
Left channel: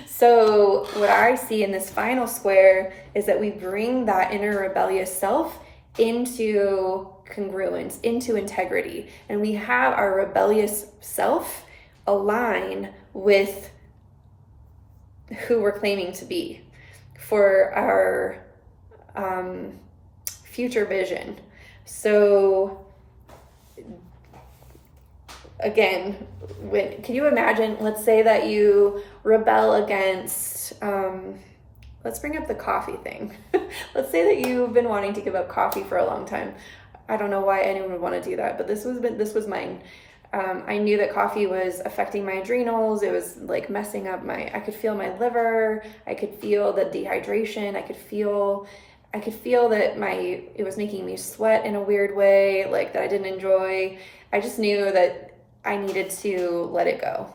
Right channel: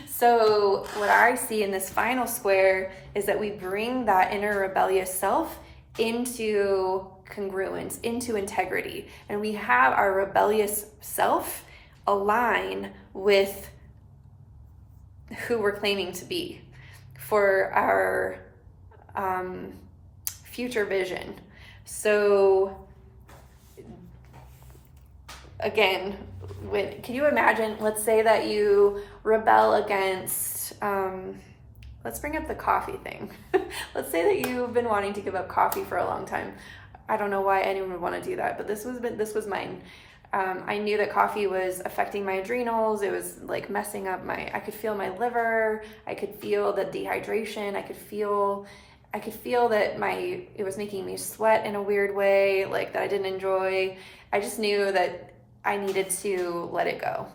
So what I see in this final square is that we bring that inner rebellious self into congruence, into integrity, and we have our rebellious self align with who we're claiming to be for our future vision. So again, can you imagine, let's say that you rebel against, let's bring up the coffee thing. Let's say that you've been wanting to give up coffee for a long time. I don't know why anyone would want to do that, but this was mine. I knew that coffee was affecting my adrenals. It was like messing up I could feel my liver. I could feel the dehydration. I could feel that it was making me sweat in a weird way, like that I didn't enjoy. I just knew that I needed to let it go.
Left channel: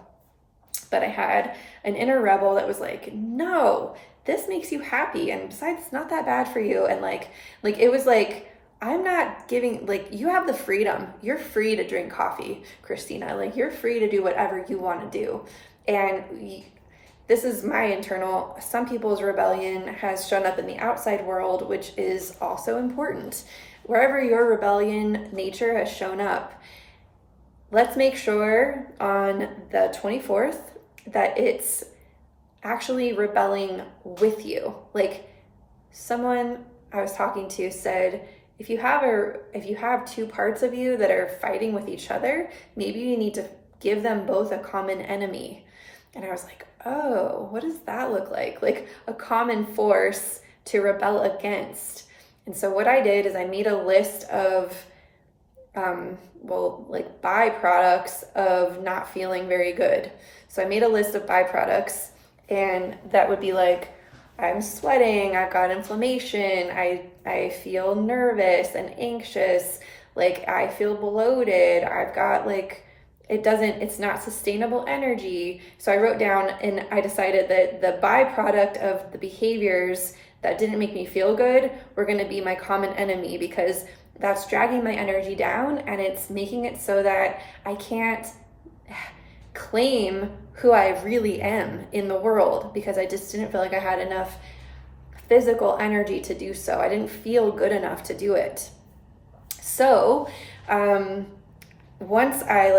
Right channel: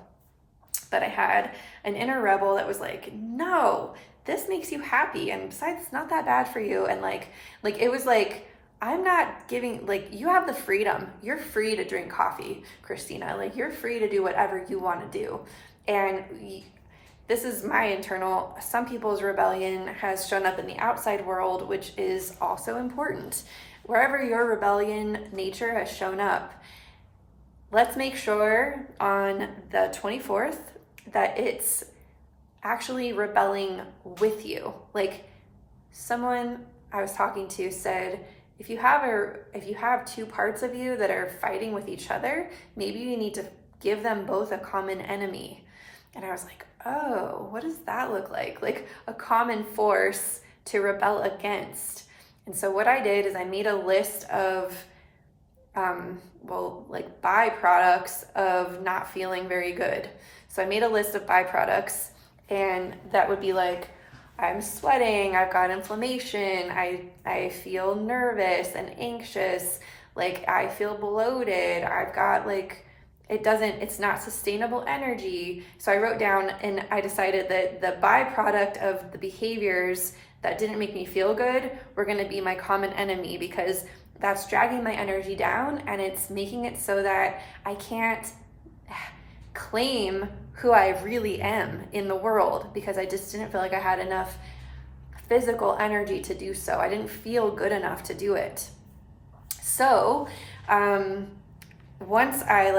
But I had an inner rebel that was like, no, this makes you happy. And besides, it's not that bad for you. And like it was like, I'm not giving, like, you have the freedom. You're free to drink coffee, Christina. Like, you're free to do whatever you want to do. And this is my internal, some people's rebellion has shown up in the outside world, which is also important. Wherever your rebellion nature has shown up, let's make sure on the 24th that it's actually rebelling with you. Like, someone I was talking to said, if you have two parts of you that are fighting with each other, maybe you need to give them both a common enemy. And I was like, oh, what does that look like? Like a common force to rebel against. And so what I did is I made a list of, byproducts of not feeling very good. So I made a list of byproducts, and that would be like, I'm sweating, I've got inflammation, I feel nervous and anxious, like I feel bloated, I've got like, it's not sustainable energy. So I wrote down, and I decided that the byproduct of the behaviors that didn't make me feel good were gonna be my common enemy, because that's dragging my energy down, and it's making it so that I can't claim who I really am in the world, because I just didn't feel like I had enough physical energy to do so. I didn't feel good enough to do it. So once I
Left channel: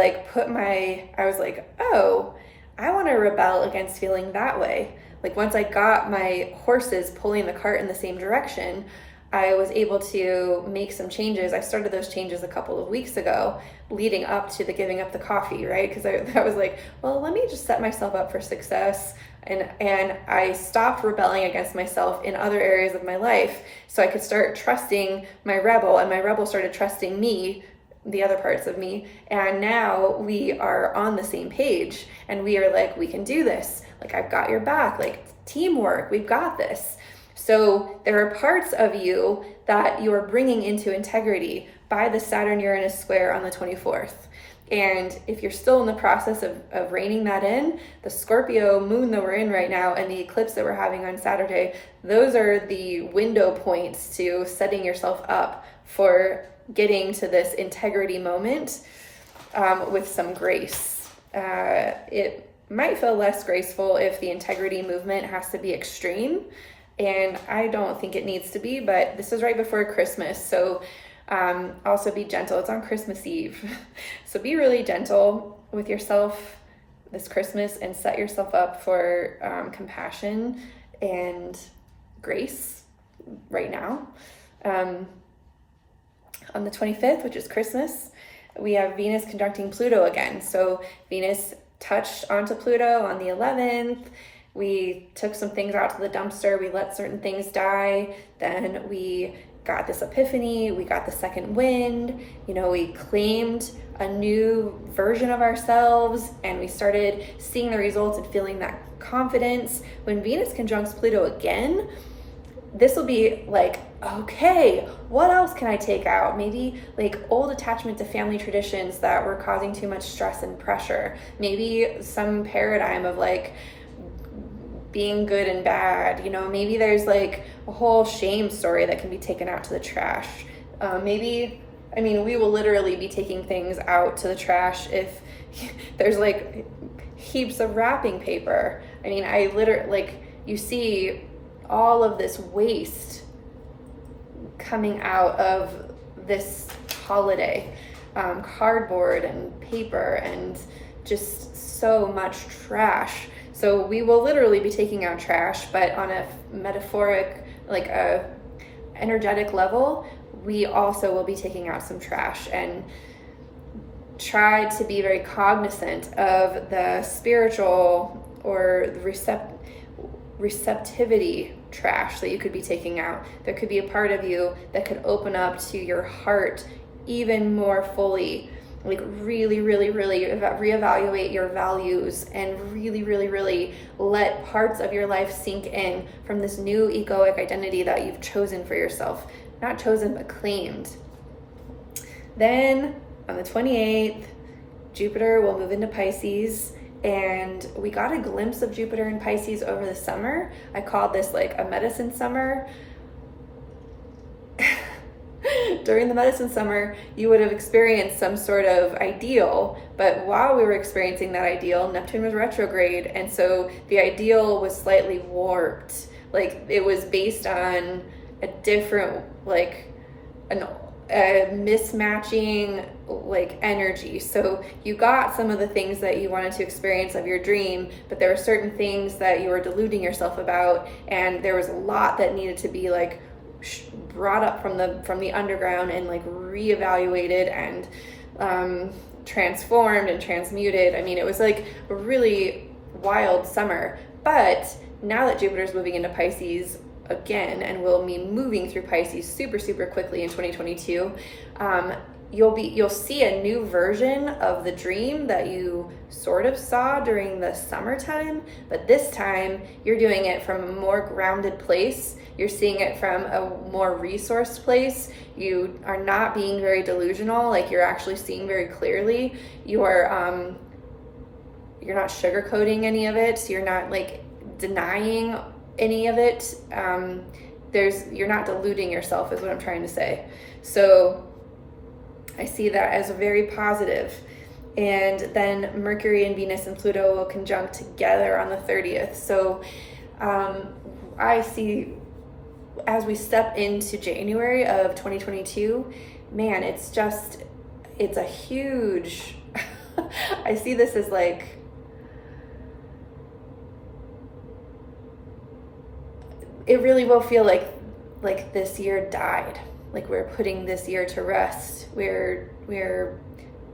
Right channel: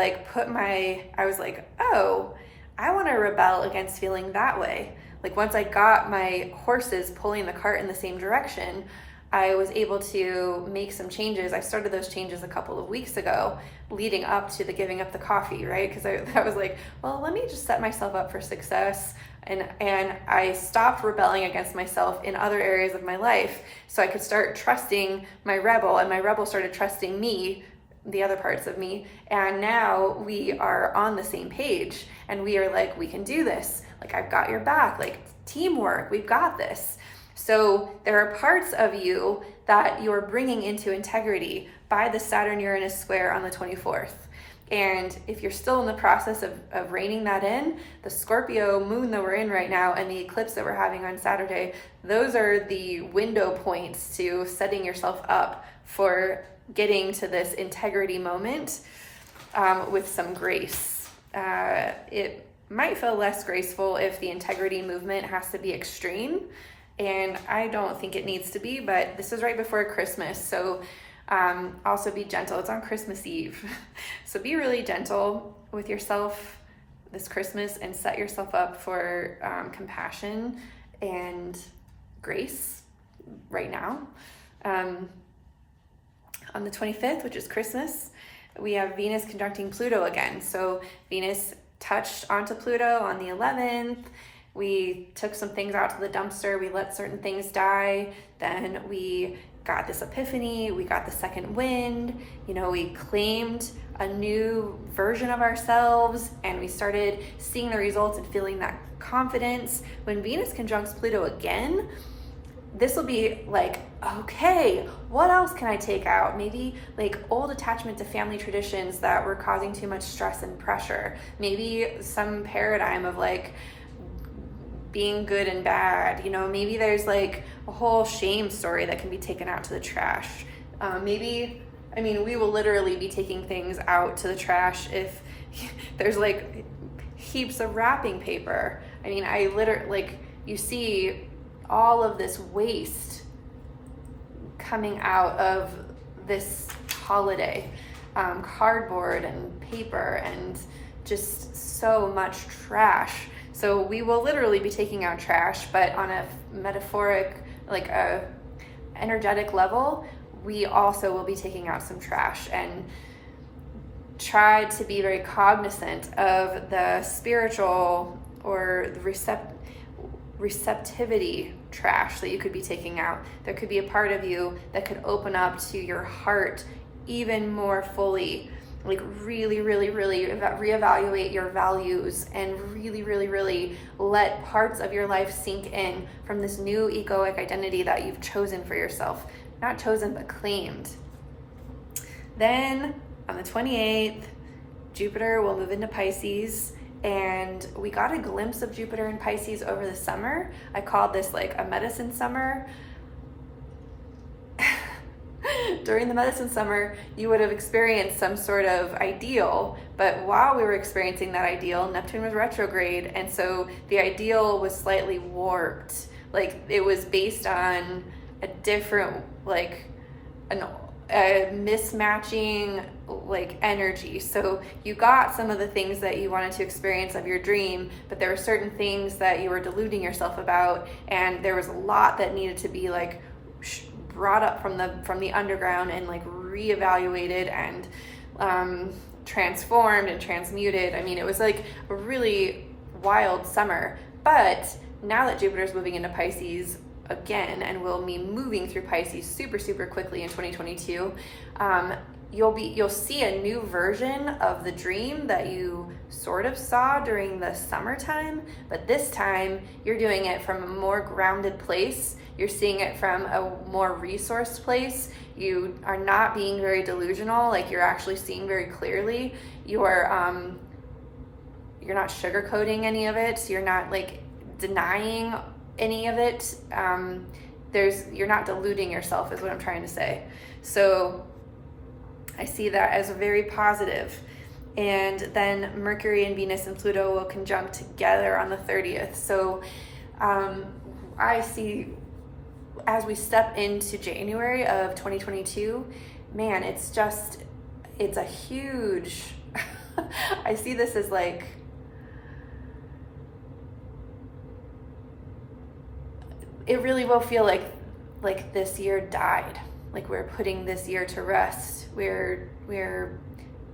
I was like, oh, I want to rebel against feeling that way. Like once I got my horses pulling the cart in the same direction, I was able to make some changes. I started those changes a couple of weeks ago, leading up to the giving up the coffee, right? Because I was like, well, let me just set myself up for success. And I stopped rebelling against myself in other areas of my life, so I could start trusting my rebel, and my rebel started trusting me, the other parts of me. And now we are on the same page, and we are like, we can do this. Like, I've got your back, like teamwork, we've got this. So there are parts of you that you're bringing into integrity by the Saturn-Uranus square on the 24th. And if you're still in the process of reining that in, the Scorpio moon that we're in right now and the eclipse that we're having on Saturday, those are the window points to setting yourself up for getting to this integrity moment with some grace. It might feel less graceful if the integrity movement has to be extreme, and I don't think it needs to be, but this is right before Christmas, so also be gentle. It's on Christmas Eve. So be really gentle with yourself this Christmas and set yourself up for compassion and grace right now. On the 25th, which is Christmas, we have Venus conjuncting Pluto again. So Venus touched onto Pluto on the 11th. We took some things out to the dumpster. We let certain things die. Then we got this epiphany. We got the second wind. You know, we claimed a new version of ourselves, and we started seeing the results and feeling that confidence. When Venus conjuncts Pluto again, this will be like, okay, what else can I take out? Maybe like old attachment to family traditions that were causing too much stress and pressure. Maybe some paradigm of like being good and bad. You know, maybe there's like a whole shame story that can be taken out to the trash. We will literally be taking things out to the trash if there's like heaps of wrapping paper. I mean, I literally, like, you see all of this waste coming out of this holiday, cardboard and paper and just so much trash. So we will literally be taking out trash, but on a metaphoric, like a energetic level, we also will be taking out some trash and try to be very cognizant of the spiritual or the receptivity trash that you could be taking out. There could be a part of you that could open up to your heart even more fully, like really reevaluate your values and really let parts of your life sink in from this new egoic identity that you've chosen for yourself. Not chosen, but claimed. Then on the 28th, Jupiter will move into Pisces, and we got a glimpse of Jupiter in Pisces over the summer. I called this like a medicine summer. During the medicine summer, you would have experienced some sort of ideal, but while we were experiencing that ideal, Neptune was retrograde, and so the ideal was slightly warped. Like, it was based on a different, like, a mismatching like energy. So you got some of the things that you wanted to experience of your dream, but there were certain things that you were deluding yourself about, and there was a lot that needed to be like brought up from the underground and like reevaluated and transformed and transmuted. I mean, it was like a really wild summer. But now that Jupiter's moving into Pisces again and will be moving through Pisces super quickly in 2022, you'll see a new version of the dream that you sort of saw during the summertime, but this time you're doing it from a more grounded place. You're seeing it from a more resourced place. You are not being very delusional, like you're actually seeing very clearly. You're not sugarcoating any of it. You're not like denying any of it. You're not deluding yourself is what I'm trying to say. So I see that as a very positive. And then Mercury and Venus and Pluto will conjunct together on the 30th. So I see as we step into January of 2022, man, it's a huge, I see this as like, it really will feel like this year died. Like we're putting this year to rest. We're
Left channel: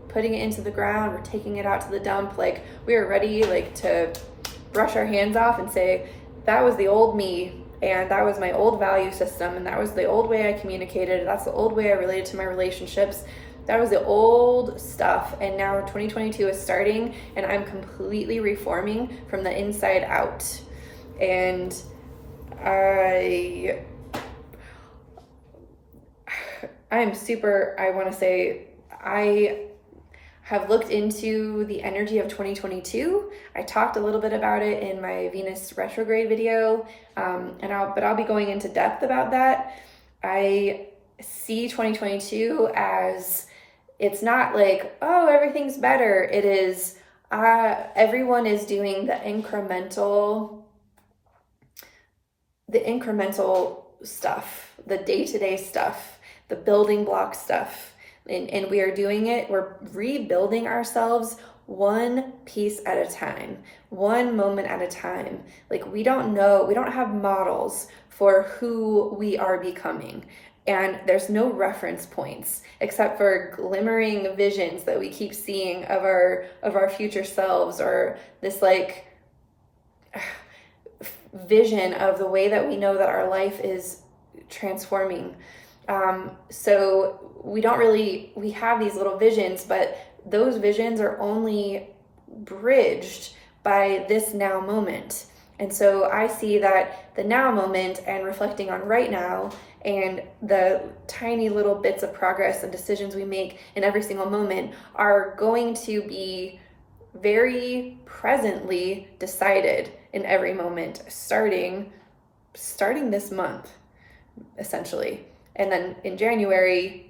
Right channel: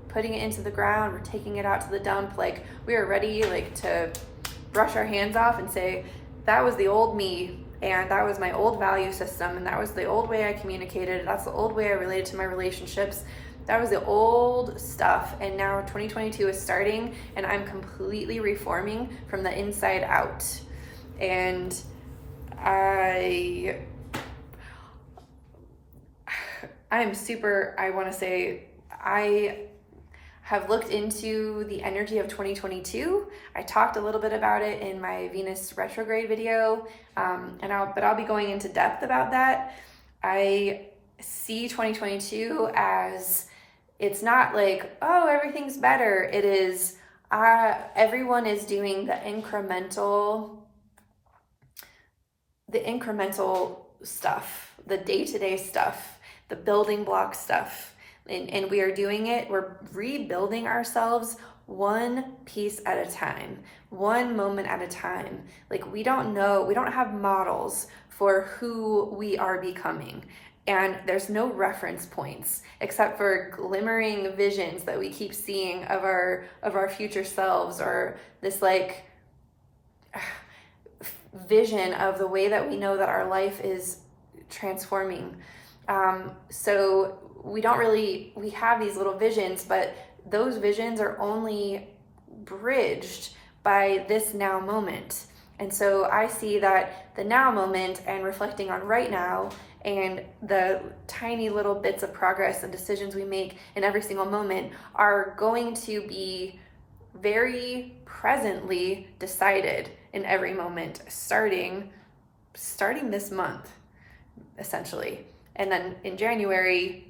putting it into the ground. We're taking it out to the dump. Like we're ready like to brush our hands off and say, that was the old me, and that was my old value system, and that was the old way I communicated. That's the old way I related to my relationships. That was the old stuff. And now 2022 is starting, and I'm completely reforming from the inside out. And I want to say I have looked into the energy of 2022. I talked a little bit about it in my Venus retrograde video, but I'll be going into depth about that. I see 2022 as, it's not like, oh, everything's better. It is, Everyone is doing the incremental stuff, the day-to-day stuff, the building block stuff. And we are doing it, we're rebuilding ourselves one piece at a time, one moment at a time. Like, we don't have models for who we are becoming. And there's no reference points except for glimmering visions that we keep seeing of our future selves, or this like vision of the way that we know that our life is transforming. So we have these little visions, but those visions are only bridged by this now moment. And so I see that the now moment and reflecting on right now and the tiny little bits of progress and decisions we make in every single moment are going to be very presently decided in every moment, starting this month, essentially. And then in January,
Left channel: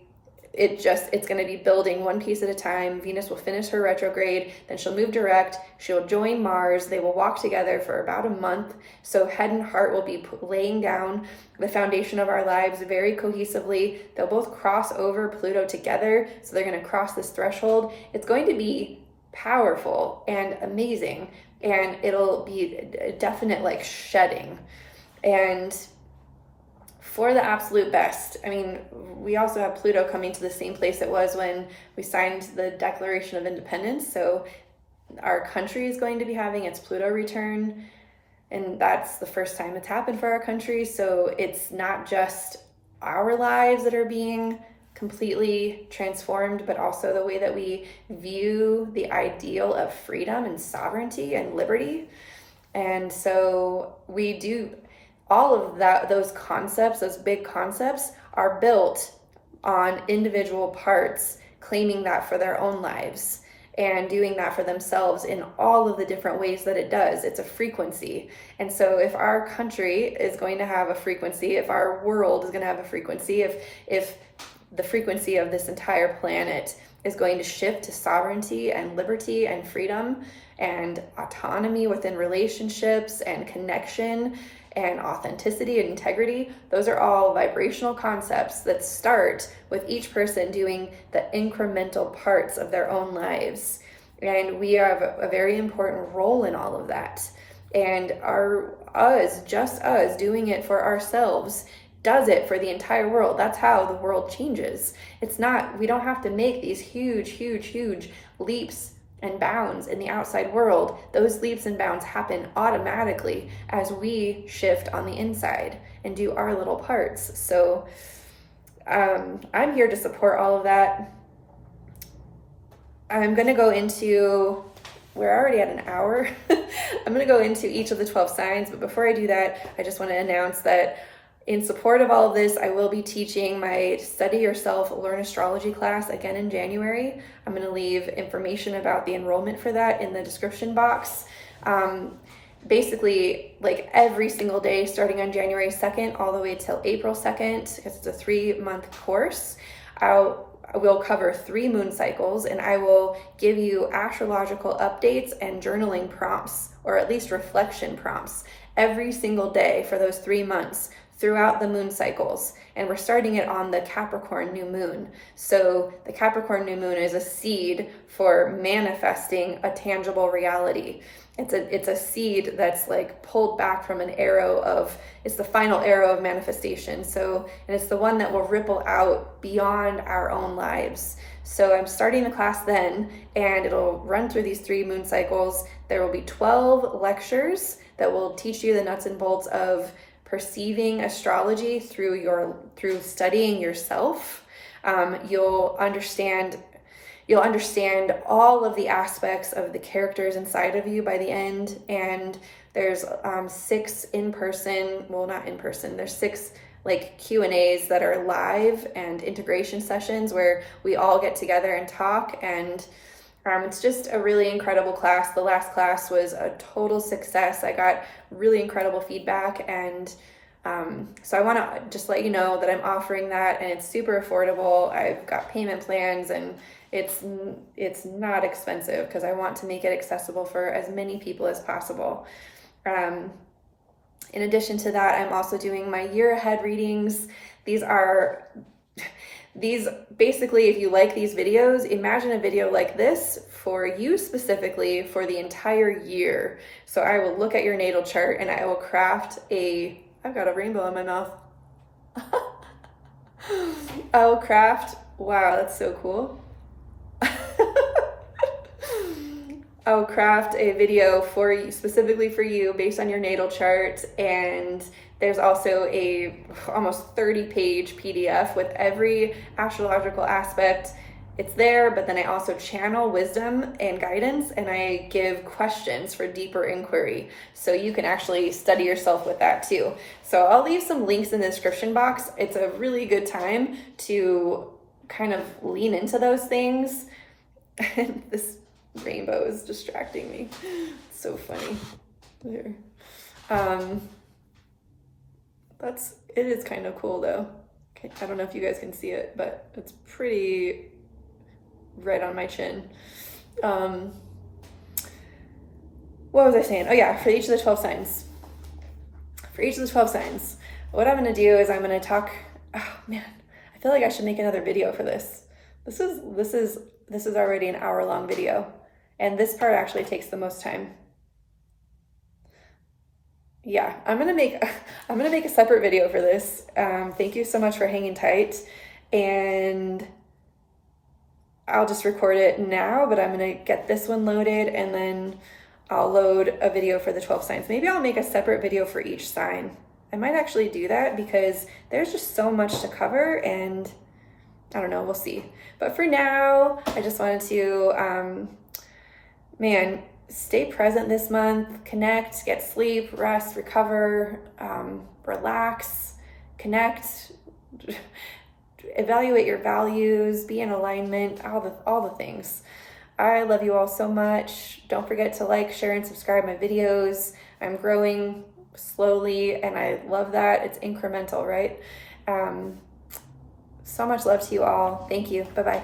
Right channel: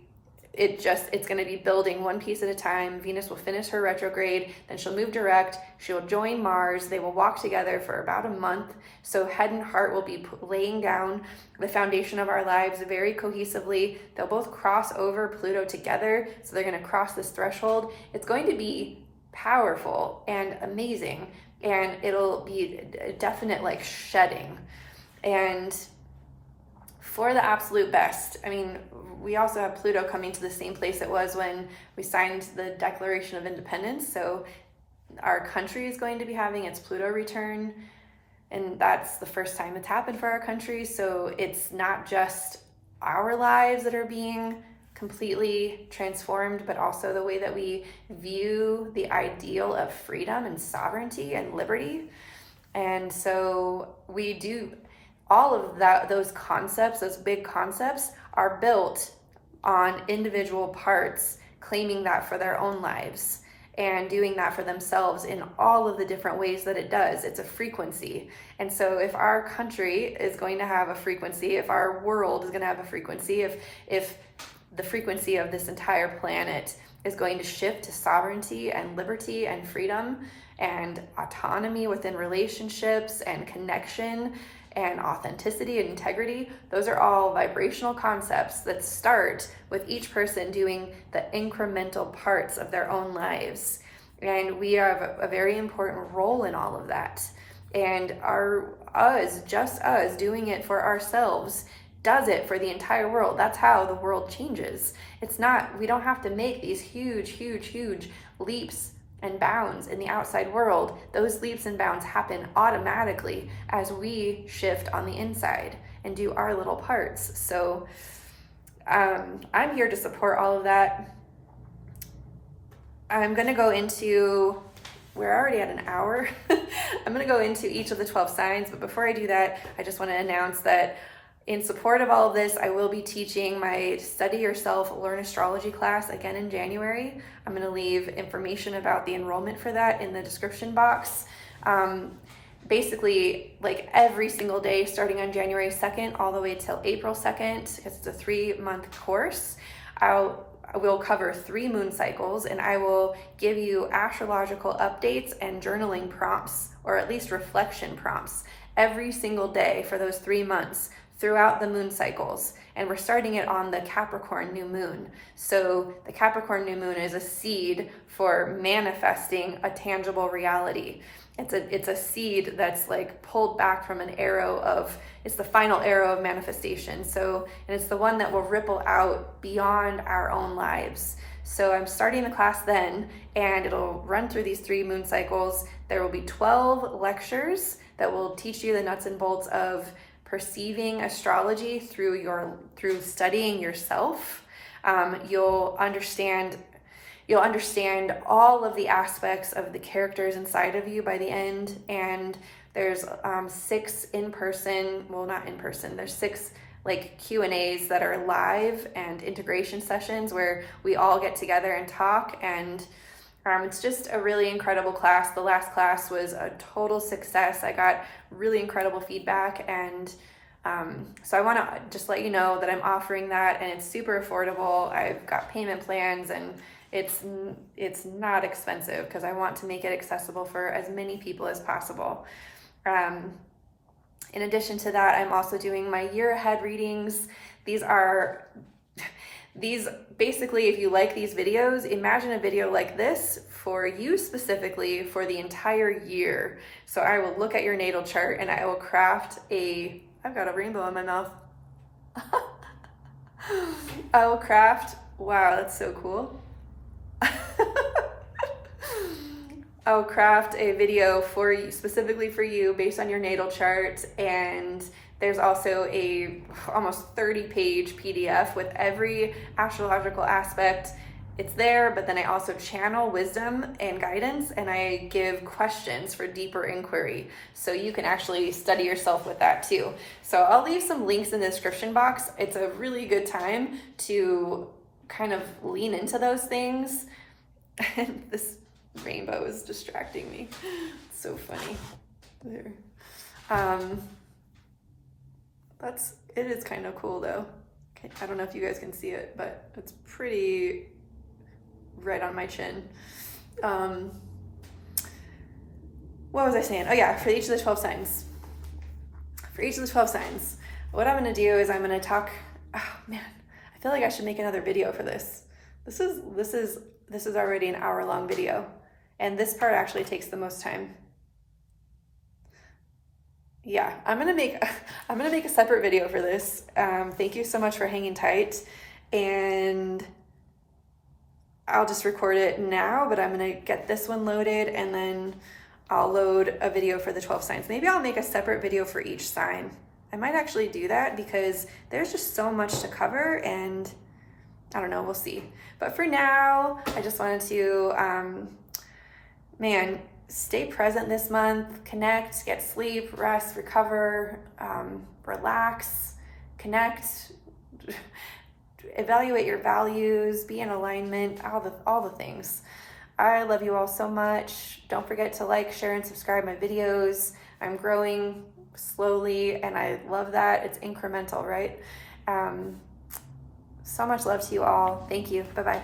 it's going to be building one piece at a time. Venus will finish her retrograde, then she'll move direct, she'll join Mars, they will walk together for about a month. So head and heart will be laying down the foundation of our lives very cohesively. They'll both cross over Pluto together, so they're going to cross this threshold. It's going to be powerful and amazing, and it'll be a definite like shedding. And for the absolute best. I mean, we also have Pluto coming to the same place it was when we signed the Declaration of Independence. So our country is going to be having its Pluto return, and that's the first time it's happened for our country. So it's not just our lives that are being completely transformed, but also the way that we view the ideal of freedom and sovereignty and liberty. And so we do all of that, those concepts, those big concepts are built on individual parts claiming that for their own lives and doing that for themselves in all of the different ways that it does. It's a frequency. And so if our country is going to have a frequency, if our world is going to have a frequency, if the frequency of this entire planet is going to shift to sovereignty and liberty and freedom and autonomy within relationships and connection and authenticity and integrity, those are all vibrational concepts that start with each person doing the incremental parts of their own lives. And we have a very important role in all of that. And just us doing it for ourselves does it for the entire world. That's how the world changes. We don't have to make these huge leaps and bounds in the outside world. Those leaps and bounds happen automatically as we shift on the inside and do our little parts. So I'm here to support all of that. I'm going to go into, we're already at an hour. I'm going to go into each of the 12 signs, but before I do that, I just want to announce that in support of all of this, I will be teaching my Study Yourself, Learn Astrology class again in January. I'm going to leave information about the enrollment for that in the description box. Basically, like every single day, starting on January 2nd all the way till April 2nd, it's a 3-month course. We'll cover 3 moon cycles, and I will give you astrological updates and journaling prompts, or at least reflection prompts, every single day for those 3 months throughout the moon cycles. And we're starting it on the Capricorn new moon. So the Capricorn new moon is a seed for manifesting a tangible reality. It's a seed that's like pulled back from it's the final arrow of manifestation. So, and it's the one that will ripple out beyond our own lives. So I'm starting the class then, and it'll run through these 3 moon cycles. There will be 12 lectures that will teach you the nuts and bolts of perceiving astrology through studying yourself. You'll understand all of the aspects of the characters inside of you by the end. And there's 6 there's 6 like Q&As that are live and integration sessions where we all get together and talk. And it's just a really incredible class. The last class was a total success. I got really incredible feedback, and So I want to just let you know that I'm offering that, and it's super affordable. I've got payment plans, and it's not expensive because I want to make it accessible for as many people as possible. In addition to that, I'm also doing my year ahead readings. These basically, if you like these videos, imagine a video like this for you specifically for the entire year. So I will look at your natal chart and I will craft I've got a rainbow in my mouth. I will craft, wow, that's so cool. I will craft a video for you, specifically for you, based on your natal chart, and there's also a almost 30-page PDF with every astrological aspect. It's there, but then I also channel wisdom and guidance, and I give questions for deeper inquiry. So you can actually study yourself with that too. So I'll leave some links in the description box. It's a really good time to kind of lean into those things. And this rainbow is distracting me. It's so funny. There. It is kind of cool though. Okay, I don't know if you guys can see it, but it's pretty right on my chin. What was I saying? Oh yeah, for each of the 12 signs. For each of the 12 signs, what I'm gonna do is I'm gonna talk, oh man, I feel like I should make another video for this. This is already an hour-long video, and this part actually takes the most time. Yeah, I'm gonna make a separate video for this. Thank you so much for hanging tight, and I'll just record it now, but I'm gonna get this one loaded, and then I'll load a video for the 12 signs. Maybe I'll make a separate video for each sign. I might actually do that because there's just so much to cover, and I don't know, we'll see. But for now, I just wanted to, stay present this month, connect, get sleep, rest, recover, relax, connect, evaluate your values, be in alignment, all the things. I love you all so much. Don't forget to like, share, and subscribe my videos. I'm growing slowly, and I love that. It's incremental, right? So much love to you all. Thank you. Bye-bye.